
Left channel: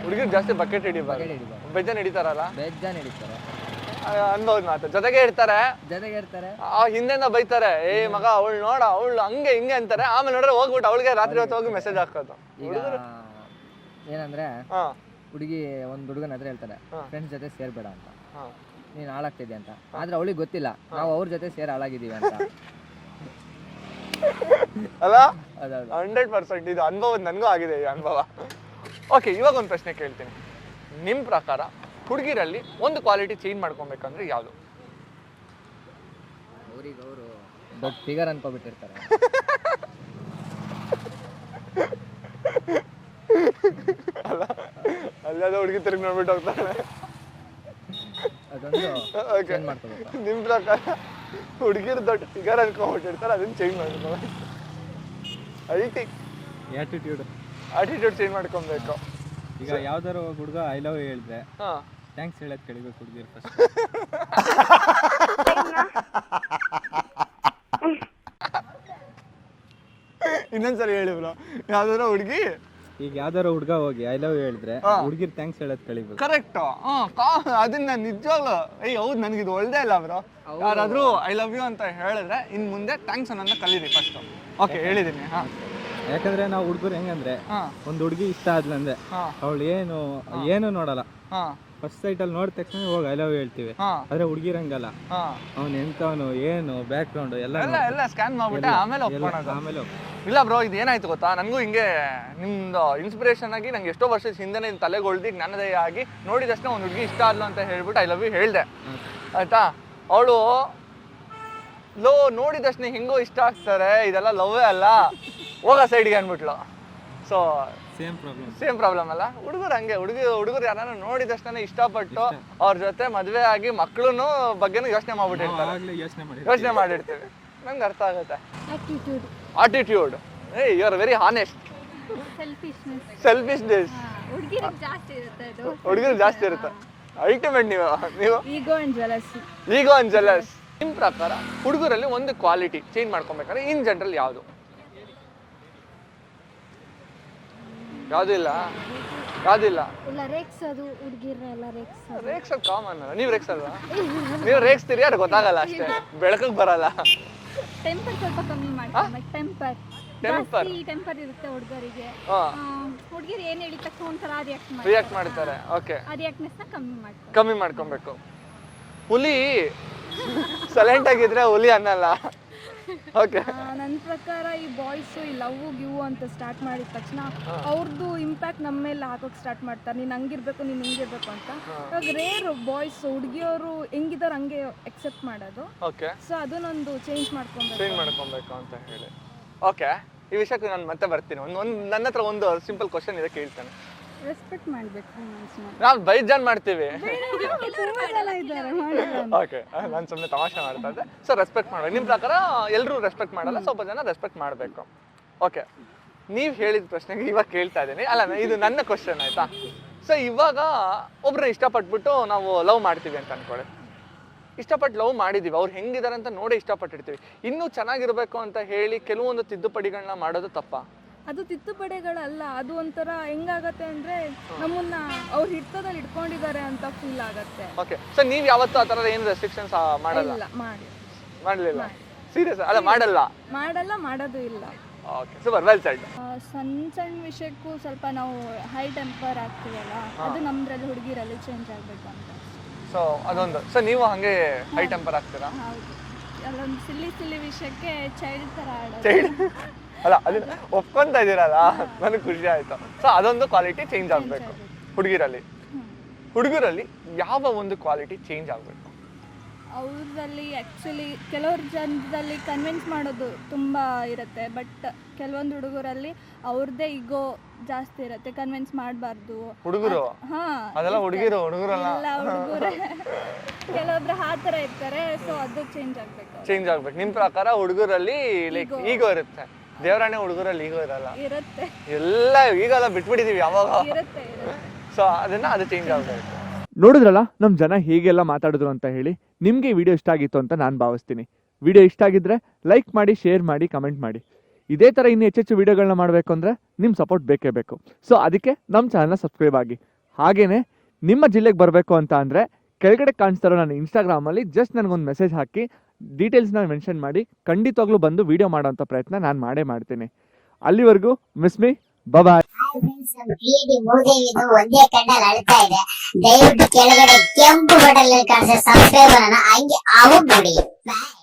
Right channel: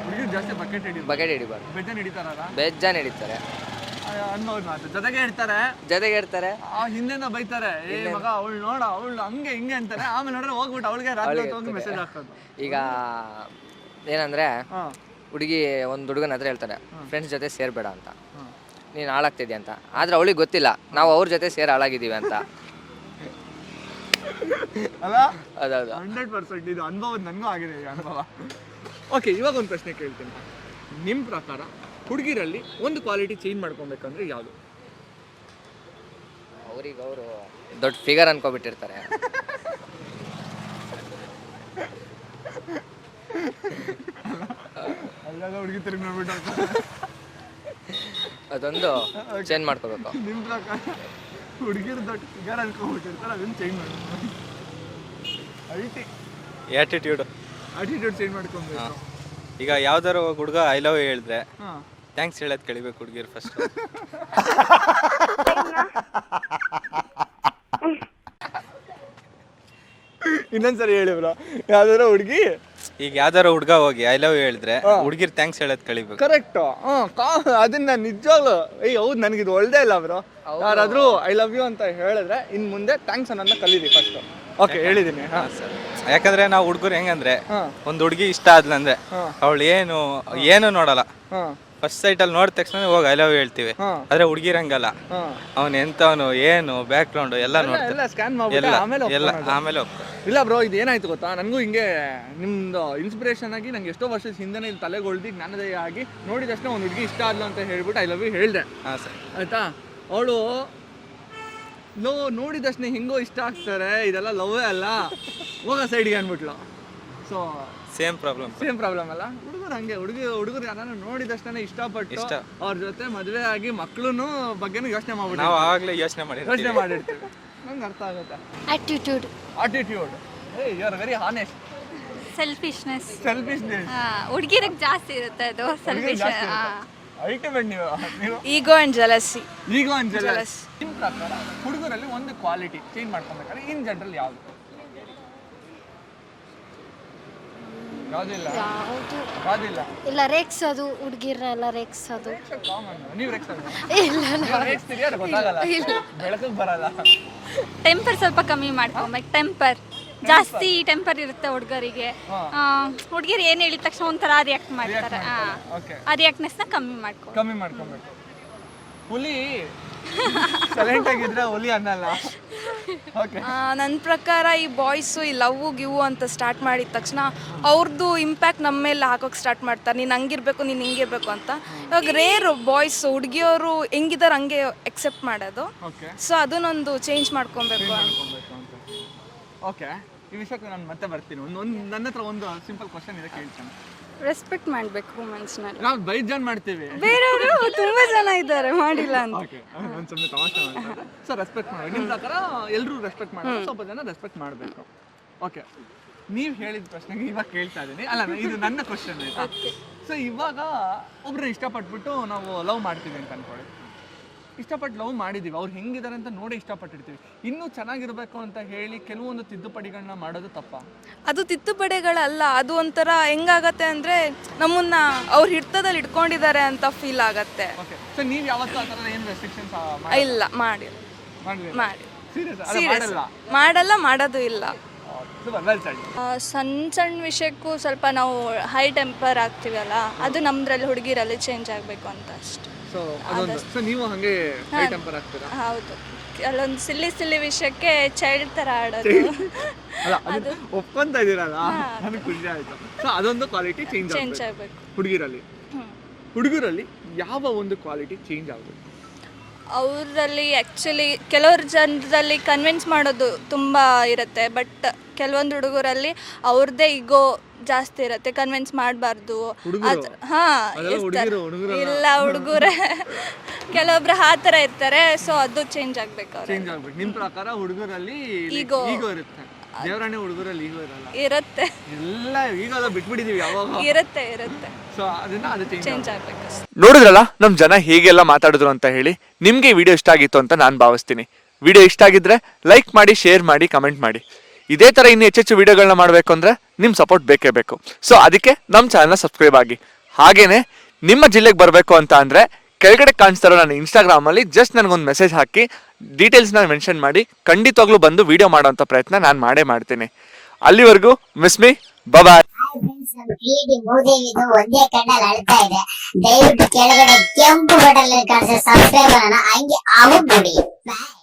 ಹುಡುಗರು ಜಾಸ್ತಿ ಬಕೆಟ್ ಹಿಡಿಬಾರ್ದು. ಬೆಜ್ಜನ್ ಹಿಡಿತಾರಲ್ಲ, ಬೇಜಾನ್ ಹಿಡಿತಾರೆ. ಅನ್ಬೋದು ಮಾತು. ಜೊತೆಗೆ ಇರ್ತಾರೆ, ಹಿಂದೆಯಿಂದ ಬೈತಾರೆ, ಏ ಮಗ ಅವಳು ನೋಡ ಅವಳು ಹಂಗೆ ಹಿಂಗೆ ಅಂತಾರೆ. ಆಮೇಲೆ ನೋಡ್ರೆ ಹೋಗ್ಬಿಟ್ಟು ಅವಳಿಗೆ ರಾತ್ರಿ ಹೊತ್ತು ಹೋಗಿ ಮೆಸೇಜ್ ಹಾಕೋದು. ಈಗ ಏನಂದ್ರೆ ಹುಡುಗಿ ಒಂದು ಹುಡುಗನ ಹತ್ರ ಹೇಳ್ತಾರೆ ಫ್ರೆಂಡ್ಸ್ ಜೊತೆ ಸೇರ್ಬೇಡ ಅಂತ, ನೀನು ಹಾಳಾಗ್ತಿದ್ಯಾ ಅಂತ. ಆದ್ರೆ ಅವಳಿಗೆ ಗೊತ್ತಿಲ್ಲ ನಾವು ಅವ್ರ ಜೊತೆ ಸೇರಿ ಹಾಳಾಗಿದ್ದೀವಿ ಅಂತ. ಅಲ್ಲ ಅದೌದು 100% ಇದು ಅನುಭವ, ನನಗೂ ಆಗಿದೆ ಈ ಅನುಭವ. ಓಕೆ, ಇವಾಗ ಒಂದು ಪ್ರಶ್ನೆ ಕೇಳ್ತೀನಿ. ನಿಮ್ಮ ಪ್ರಕಾರ ಹುಡುಗಿರಲ್ಲಿ ಒಂದು ಕ್ವಾಲಿಟಿ ಚೇಂಜ್ ಮಾಡ್ಕೊಬೇಕಂದ್ರೆ ಯಾವುದು? ಅವ್ರಿಗೆ ಅವರು ದೊಡ್ಡ ಫಿಗರ್ ಅನ್ಕೋಬಿಟ್ಟಿರ್ತಾರೆ. ಅಲ್ಲದ ಹುಡುಗಿ ತಿರುಗಿ ನೋಡ್ಬಿಟ್ಟು ಹೋಗ್ತಾರೆ. ಅದೊಂದು ಚೇಂಜ್ ಮಾಡ್ಕೋಬೇಕು. ನಿಮ್ಮ ಪ್ರಕಾರ ಹುಡುಗಿರು ದೊಡ್ಡ ಫಿಗರ್ ಅನ್ಕೊಂಡ್ಬಿಟ್ಟಿರ್ತಾರೆ, ಅದನ್ನ ಚೇಂಜ್ ಮಾಡ್ಬೇಕು. ಆ್ಯಟಿಟ್ಯೂಡ್ ಚೇಂಜ್ ಮಾಡ್ಕೊಬೇಕು. ಈಗ ಯಾವ್ದಾರ ಹುಡುಗ ಐ ಲವ್ ಹೇಳಿದ್ರೆ ಥ್ಯಾಂಕ್ಸ್ ಹೇಳೋದು ಕಳಿಬೇಕು ಹುಡುಗಿರು ಫಸ್ಟ್. ಇನ್ನೊಂದ್ಸರಿ ಹೇಳಿ ಬ್ರೋ, ಯಾವ್ದಾರ ಹುಡುಗಿ ಈಗ ಯಾವ್ದಾರ ಹುಡುಗ ಹೋಗಿ ಐ ಲವ್ ಹೇಳಿದ್ರೆ ಹುಡುಗಿರು ಥ್ಯಾಂಕ್ಸ್ ಹೇಳೋದು ಕಳಿಬೇಕು. ಕರೆಕ್ಟ್. ಅದನ್ನ ನಿಜವಾಗ್ಲು ಹೌದು, ನನಗಿದು ಒಳ್ಳೆ ಇಲ್ಲ ಬ್ರೋ. ಯಾರಾದ್ರೂ ಐ ಲವ್ ಯು ಅಂತ ಹೇಳಿದ್ರೆ ಇನ್ ಮುಂದೆ ಥ್ಯಾಂಕ್ಸ್ ಅನ್ನೋದನ್ನ ಕಲೀರಿ ಫಸ್ಟ್. ಓಕೆ, ಹೇಳಿದೀನಿ. ಯಾಕಂದ್ರೆ ನಾವು ಹುಡುಗರು ಹೆಂಗಂದ್ರೆ ಒಂದು ಹುಡುಗಿ ಇಷ್ಟ ಆದ್ಲಂದ್ರೆ ಅವಳು ಏನು ನೋಡಲ್ಲ, ಫಸ್ಟ್ ಸೈಟಲ್ಲಿ ನೋಡಿದ ತಕ್ಷಣ ಹೋಗಿ ಐ ಲವ್ ಹೇಳ್ತೀವಿ. ಆದ್ರೆ ಹುಡುಗಿರ್ ಹಂಗಲ್ಲ, ಅವನು ಎಂತವನು ಏನು ಬ್ಯಾಕ್ ಗ್ರೌಂಡ್ ಎಲ್ಲ ನೋಡ್ತಾರೆ, ಎಲ್ಲ ಆಮೇಲೆ ಹೋಗ್ತಾರೆ. ಇಲ್ಲ ಬ್ರೋ, ಇದು ಏನಾಯ್ತು ಗೊತ್ತಾ, ನನಗೂ ಹಿಂಗೆ ನಿಮ್ದು ಇನ್ಸ್ಪಿರೇಷನ್ ಆಗಿ ನಂಗೆ ಎಷ್ಟೋ ವರ್ಷದ ಹಿಂದೆ ತಲೆಗೊಳ್ದಿ ಜ್ಞಾನೋದಯ ಆಗಿ ನೋಡಿದ ತಕ್ಷಣ ಒಂದು ಹುಡುಗಿ ಇಷ್ಟ ಆದ್ಲು ಅಂತ ಹೇಳ್ಬಿಟ್ಟು ಐ ಲವ್ ಯು ಹೇಳ್ದೆ. ಆಯ್ತಾ, ಅವಳು ನೋಡಿದ ತಕ್ಷಣ ಹಿಂಗೂ ಇಷ್ಟ ಆಗ್ತಾರೆ, ಇದೆಲ್ಲ ಲವ್ವೇ ಅಲ್ಲ, ಹೋಗ ಸೈಡ್ಗೆ ಅಂದ್ಬಿಟ್ಲು. ಸೊ ಸೇಮ್ ಪ್ರಾಬ್ಲಮ್ ಅಲ್ಲ. ಹುಡುಗರು ಹಂಗೆ, ಹುಡುಗರು ಯಾರನ್ನ ನೋಡಿದ ತಕ್ಷಣ ಇಷ್ಟಪಟ್ಟು ಅವ್ರ ಜೊತೆ ಮದುವೆ ಆಗಿ ಮಕ್ಳು ಬಗ್ಗೆನೂ ಯೋಚನೆ ಮಾಡ್ಬಿಟ್ಟು ನಾವು ಆಗ್ಲೇ ಯೋಚನೆ ಮಾಡಿರ್ತೀವಿ. ನಂಗೆ ಅರ್ಥ ಆಗುತ್ತೆ. Attitude. You are very honest. Selfishness ಹುಡುಗಿರಿಗೆ ಜಾಸ್ತಿ ಇರುತ್ತೆ ಅದು. ಹುಡುಗರು ಜಾಸ್ತಿ ಇರುತ್ತೆ. ಅಲ್ಟಿಮೇಟ್ ನೀವು ಈಗೋ ಅಂಡ್ ಜಲಸಿ. ನಿಮ್ಮ ಪ್ರಕಾರ ಹುಡುಗರಲ್ಲಿ ಒಂದು ಕ್ವಾಲಿಟಿ ಚೇಂಜ್ ಮಾಡ್ಕೊಬೇಕಾದ್ರೆ ಇನ್ ಜನರಲ್ ಯಾವುದು? ಇಲ್ಲ ರೇಕ್ಸೋದು, ಹುಡುಗಿರೆಲ್ಲ ರೇಕ್ಸೋದು. ಕಾಮನ್. ನೀವು ರೇಕ್ಸಲ್ವಾ? ನೀವು ರೇಕ್ಸ್ತೀರಿ, ಅದು ಗೊತ್ತಾಗಲ್ಲ, ಬೆಳಕಿಗೆ ಬರಲ್ಲ. ಟೆಂಪರ್ ಸ್ವಲ್ಪ ಕಮ್ಮಿ ಮಾಡ್ಕೊಬೇಕು. ಟೆಂಪರ್ ಜಾಸ್ತಿ ಟೆಂಪರ್ ಇರುತ್ತೆ ಹುಡುಗರಿಗೆ. ಹುಡುಗಿರು ಏನ್ ಹೇಳಿದ ತಕ್ಷಣ ಒಂಥರ ರಿಯಾಕ್ಟ್ ಮಾಡ್ತಾರೆ. ಆ ರಿಯಾಕ್ಟ್ನೆಸ್ನ ಕಮ್ಮಿ ಮಾಡ್ಕೊಬೇಕು. ಹುಲಿ ಸೈಲೆಂಟ್ ಆಗಿದ್ರೆ ಹುಲಿ ಅನ್ನಲ್ಲ. ನನ್ನ ಪ್ರಕಾರ ಈ ಬಾಯ್ಸು ಈ ಲವ್ ಗಿವ್ ಅಂತ ಸ್ಟಾರ್ಟ್ ಮಾಡಿದ ತಕ್ಷಣ ಅವ್ರದ್ದು ಇಂಪ್ಯಾಕ್ಟ್ ನಮ್ಮ ಮೇಲೆ ಹಾಕೋಕೆ ಸ್ಟಾರ್ಟ್ ಮಾಡ್ತಾರೆ. ನೀನು ಹಂಗಿರ್ಬೇಕು, ನೀನು ಹಿಂಗಿರ್ಬೇಕು ಅಂತ. ಇವಾಗ ರೇರ್ ಬಾಯ್ಸ್ ಹುಡುಗಿಯವರು ಹೆಂಗಿದಾರೆ ಹಂಗೆ ಎಕ್ಸೆಪ್ಟ್ ಮಾಡೋದು. ಸೊ ಅದನ್ನೊಂದು ಚೇಂಜ್ ಮಾಡ್ಕೊಬೇಕು ಅಂತ ಹೇಳಿ. ಓಕೆ, ಈ ವಿಷಯಕ್ಕೆ ನಾನು ಮತ್ತೆ ಬರ್ತೀನಿ. ನನ್ನ ಹತ್ರ ಒಂದು ಸಿಂಪಲ್ ಕ್ವಶನ್ ಇದೆ, ಕೇಳ್ತೇನೆ. ರೆಸ್ಪೆಕ್ಟ್ ಮಾಡಬೇಕು ವುಮೆನ್ಸ್ನಲ್ಲಿ. ನಾವು ಬೈಜಾನ್ ಮಾಡ್ತೀವಿ, ಬೇರೆಯವರು ತುಂಬಾ ಜನ ಇದ್ದಾರೆ ಮಾಡಿಲ್ಲ ಅಂತ. ಓಕೆ, ನಾನು ಸುಮ್ಮನೆ ತಮಾಷೆ ಮಾಡ್ತಾರೆ. ಸೊ ರೆಸ್ಪೆಕ್ಟ್ ಮಾಡಬೇಕು. ನಿಮ್ಮ ಪ್ರಕಾರ ಎಲ್ಲರೂ ರೆಸ್ಪೆಕ್ಟ್ ಮಾಡಲ್ಲ, ಸ್ವಲ್ಪ ಜನ ರೆಸ್ಪೆಕ್ಟ್ ಮಾಡಬೇಕು. ಓಕೆ, ನೀವು ಹೇಳಿದ ಪ್ರಶ್ನೆಗೆ ಇವಾಗ ಕೇಳ್ತಾ ಇದ್ದೀನಿ. ಅಲ್ಲ, ಇದು ನನ್ನ ಕ್ವಶನ್ ಆಯ್ತಾ? ಸೊ ಇವಾಗ ಒಬ್ರನ್ನ ಇಷ್ಟಪಟ್ಬಿಟ್ಟು ನಾವು ಲವ್ ಮಾಡ್ತೀವಿ ಅಂತ ಅನ್ಕೊಳ್ಳಿ. ಇಷ್ಟಪಟ್ಟು ಲವ್ ಮಾಡಿದ್ದೀವಿ, ಅವ್ರು ಹೆಂಗಿದ್ದಾರೆ ಅಂತ ನೋಡಿ ಇಷ್ಟಪಟ್ಟಿರ್ತೀವಿ. ಇನ್ನೂ ಚೆನ್ನಾಗಿರ್ಬೇಕು ಅಂತ ಹೇಳಿ ಕೆಲವೊಂದು ತಿದ್ದುಪಡಿಗಳನ್ನ ಮಾಡೋದು ತಪ್ಪ? ಅದು ತಿದ್ದುಪಡಿಗಳಲ್ಲ, ಅದು ಒಂಥರ ಹೆಂಗಾಗತ್ತೆ ಅಂದ್ರೆ ನಮ್ಮನ್ನ ಅವ್ರ ಹಿಡಿತದಲ್ಲಿ ಇಟ್ಕೊಂಡಿದ್ದಾರೆ ಅಂತ ಫೀಲ್ ಆಗತ್ತೆ. ಓಕೆ, ಸೊ ನೀವು ಯಾವತ್ತೂ ಆ ಥರದ ಏನು ರೆಸ್ಟ್ರಿಕ್ಷನ್ಸ್ ಇಲ್ಲ ಮಾಡಲಿಲ್ಲ? ಸೀರಿಯಸ್ ಅಲ್ಲ, ಮಾಡಲ್ಲ, ಮಾಡೋದು ಇಲ್ಲ. Super, well shed. ಸಣ್ಣ ವಿಷಯಕ್ಕೂ ಸ್ವಲ್ಪ ನಾವು ಹೈ ಟೆಂಪರ್ ಆಗ್ತೀವಲ್ಲ, ಅದು ನಮ್ದ್ರಲ್ಲಿ ಹುಡುಗಿರಲ್ಲಿ ಚೇಂಜ್ ಆಗಬೇಕು ಅಂತ ಅಷ್ಟೇ. ಸೊ ಅದೊಂದು. ಸೊ ನೀವು ಹಂಗೆ ಹೈ ಟೆಂಪರ್ ಆಗ್ತೀರಾ? ಹೌದು, ಅಲ್ಲೊಂದು ಸಿಲ್ಲಿ ವಿಷಯಕ್ಕೆ ಚೈಲ್ಡ್ ಥರ ಆಡೋದು. ಅಲ್ಲ, ಅದು ಒಪ್ಕೊಂತ ಇದ್ದೀರಲ್ಲ, ನನಗೆ ಖುಷಿ ಆಯಿತು. ಸೊ ಅದೊಂದು ಕ್ವಾಲಿಟಿ ಚೇಂಜ್ ಆಗಬೇಕು ಹುಡುಗರಲ್ಲಿ. ಯಾವ ಒಂದು ಕ್ವಾಲಿಟಿ ಚೇಂಜ್ ಆಗಬೇಕು? ಅವರಲ್ಲಿ ಆ್ಯಕ್ಚುಲಿ ಕೆಲವ್ರ ಜನರಲ್ಲಿ ಕನ್ವಿನ್ಸ್ ಮಾಡೋದು ತುಂಬ ಇರುತ್ತೆ, ಬಟ್ ಕೆಲವೊಂದು ಹುಡುಗರಲ್ಲಿ ಅವ್ರದ್ದೇ ಈಗೋ ಜಾಸ್ತಿ ಇರುತ್ತೆ, ಕನ್ವಿನ್ಸ್ ಮಾಡಬಾರ್ದು. ಹುಡುಗರು? ಹಾ ಅದೆಲ್ಲ ಹುಡುಗಿರು, ಹುಡುಗರಲ್ಲ. ಇಲ್ಲ ಹುಡುಗರೇ ಕೆಲವೊಬ್ರು ಆ ಥರ ಇರ್ತಾರೆ. ಸೊ ಅದು ಚೇಂಜ್ ಆಗ್ಬೇಕು ಅವ್ರು. ಚೇಂಜ್ ಆಗ್ಬೇಕು. ನಿಮ್ ಪ್ರಕಾರ ಹುಡುಗರಲ್ಲಿ Ego. ಈಗೋ ಇರುತ್ತೆ, ದೇವರಾಣೆ ಹುಡುಗರಲ್ಲಿ ಈಗೋ ಇರಲ್ಲ. ಇರುತ್ತೆ ಎಲ್ಲ ಈಗ ಬಿಟ್ಬಿಟ್ಟಿದೀವಿ ಯಾವಾಗ. ಇರುತ್ತೆ ಇರುತ್ತೆ ಸೊ ಅದು ಚೇಂಜ್ ಆಗ್ಬೇಕು. ನೋಡಿದ್ರಲ್ಲ ನಮ್ ಜನ ಹೇಗೆಲ್ಲ ಮಾತಾಡಿದ್ರು ಅಂತ ಹೇಳಿ. ನಿಮ್ಗೆ ವಿಡಿಯೋ ಇಷ್ಟ ಆಗಿತ್ತು ಅಂತ ನಾನು ಭಾವಿಸ್ತೀನಿ. ವಿಡಿಯೋ ಇಷ್ಟ ಆಗಿದ್ರೆ ಲೈಕ್ ಮಾಡಿ, ಶೇರ್ ಮಾಡಿ, ಕಮೆಂಟ್ ಮಾಡಿ. ಇದೇ ತರ ಇನ್ನು ಹೆಚ್ಚೆಚ್ಚು ವಿಡಿಯೋಗಳನ್ನ ಮಾಡಬೇಕು ಅಂದ್ರೆ ನಿಮ್ ಸಪೋರ್ಟ್ ಬೇಕೇ ಬೇಕು. ಸೊ ಅದಕ್ಕೆ ನಮ್ಮ ಚಾನಲ್ನ ಸಬ್ಸ್ಕ್ರೈಬ್ ಆಗಿ. ಹಾಗೇನೆ ನಿಮ್ಮ ಜಿಲ್ಲೆಗೆ ಬರಬೇಕು ಅಂತ ಅಂದ್ರೆ ಕೆಳಗಡೆ ಕಾಣಿಸ್ತಾರೋ ನನ್ನ ಇನ್ಸ್ಟಾಗ್ರಾಮಲ್ಲಿ ಜಸ್ಟ್ ನನಗೊಂದು ಮೆಸೇಜ್ ಹಾಕಿ ಡೀಟೇಲ್ಸ್ನ ಮೆನ್ಷನ್ ಮಾಡಿ ಖಂಡಿತವಾಗ್ಲೂ ಬಂದು ವಿಡಿಯೋ ಮಾಡೋಂಥ ಪ್ರಯತ್ನ ನಾನು ಮಾಡೇ ಮಾಡ್ತೀನಿ. ಅಲ್ಲಿವರೆಗೂ ಮಿಸ್ ಮೀ, ಬಾಯ್. ಕ್ರಿಯೇಟಿವ್ ಮೂದೇವಿದು ಒಂದೇ ಕಣ್ಣಲ್ಲಿ ಅಳ್ತಾ ಇದೆ. ದಯವಿಟ್ಟು ಕೆಳಗಡೆ ಕೆಂಪು ಬಟನ್ ಕಾಣಿಸೋ ಸಬ್ಸ್ಕ್ರೈಬ್ ಅನ್ನ ಹಂಗೆ ಆಗ್ಬಿಡಿ. ಬಾಯ್.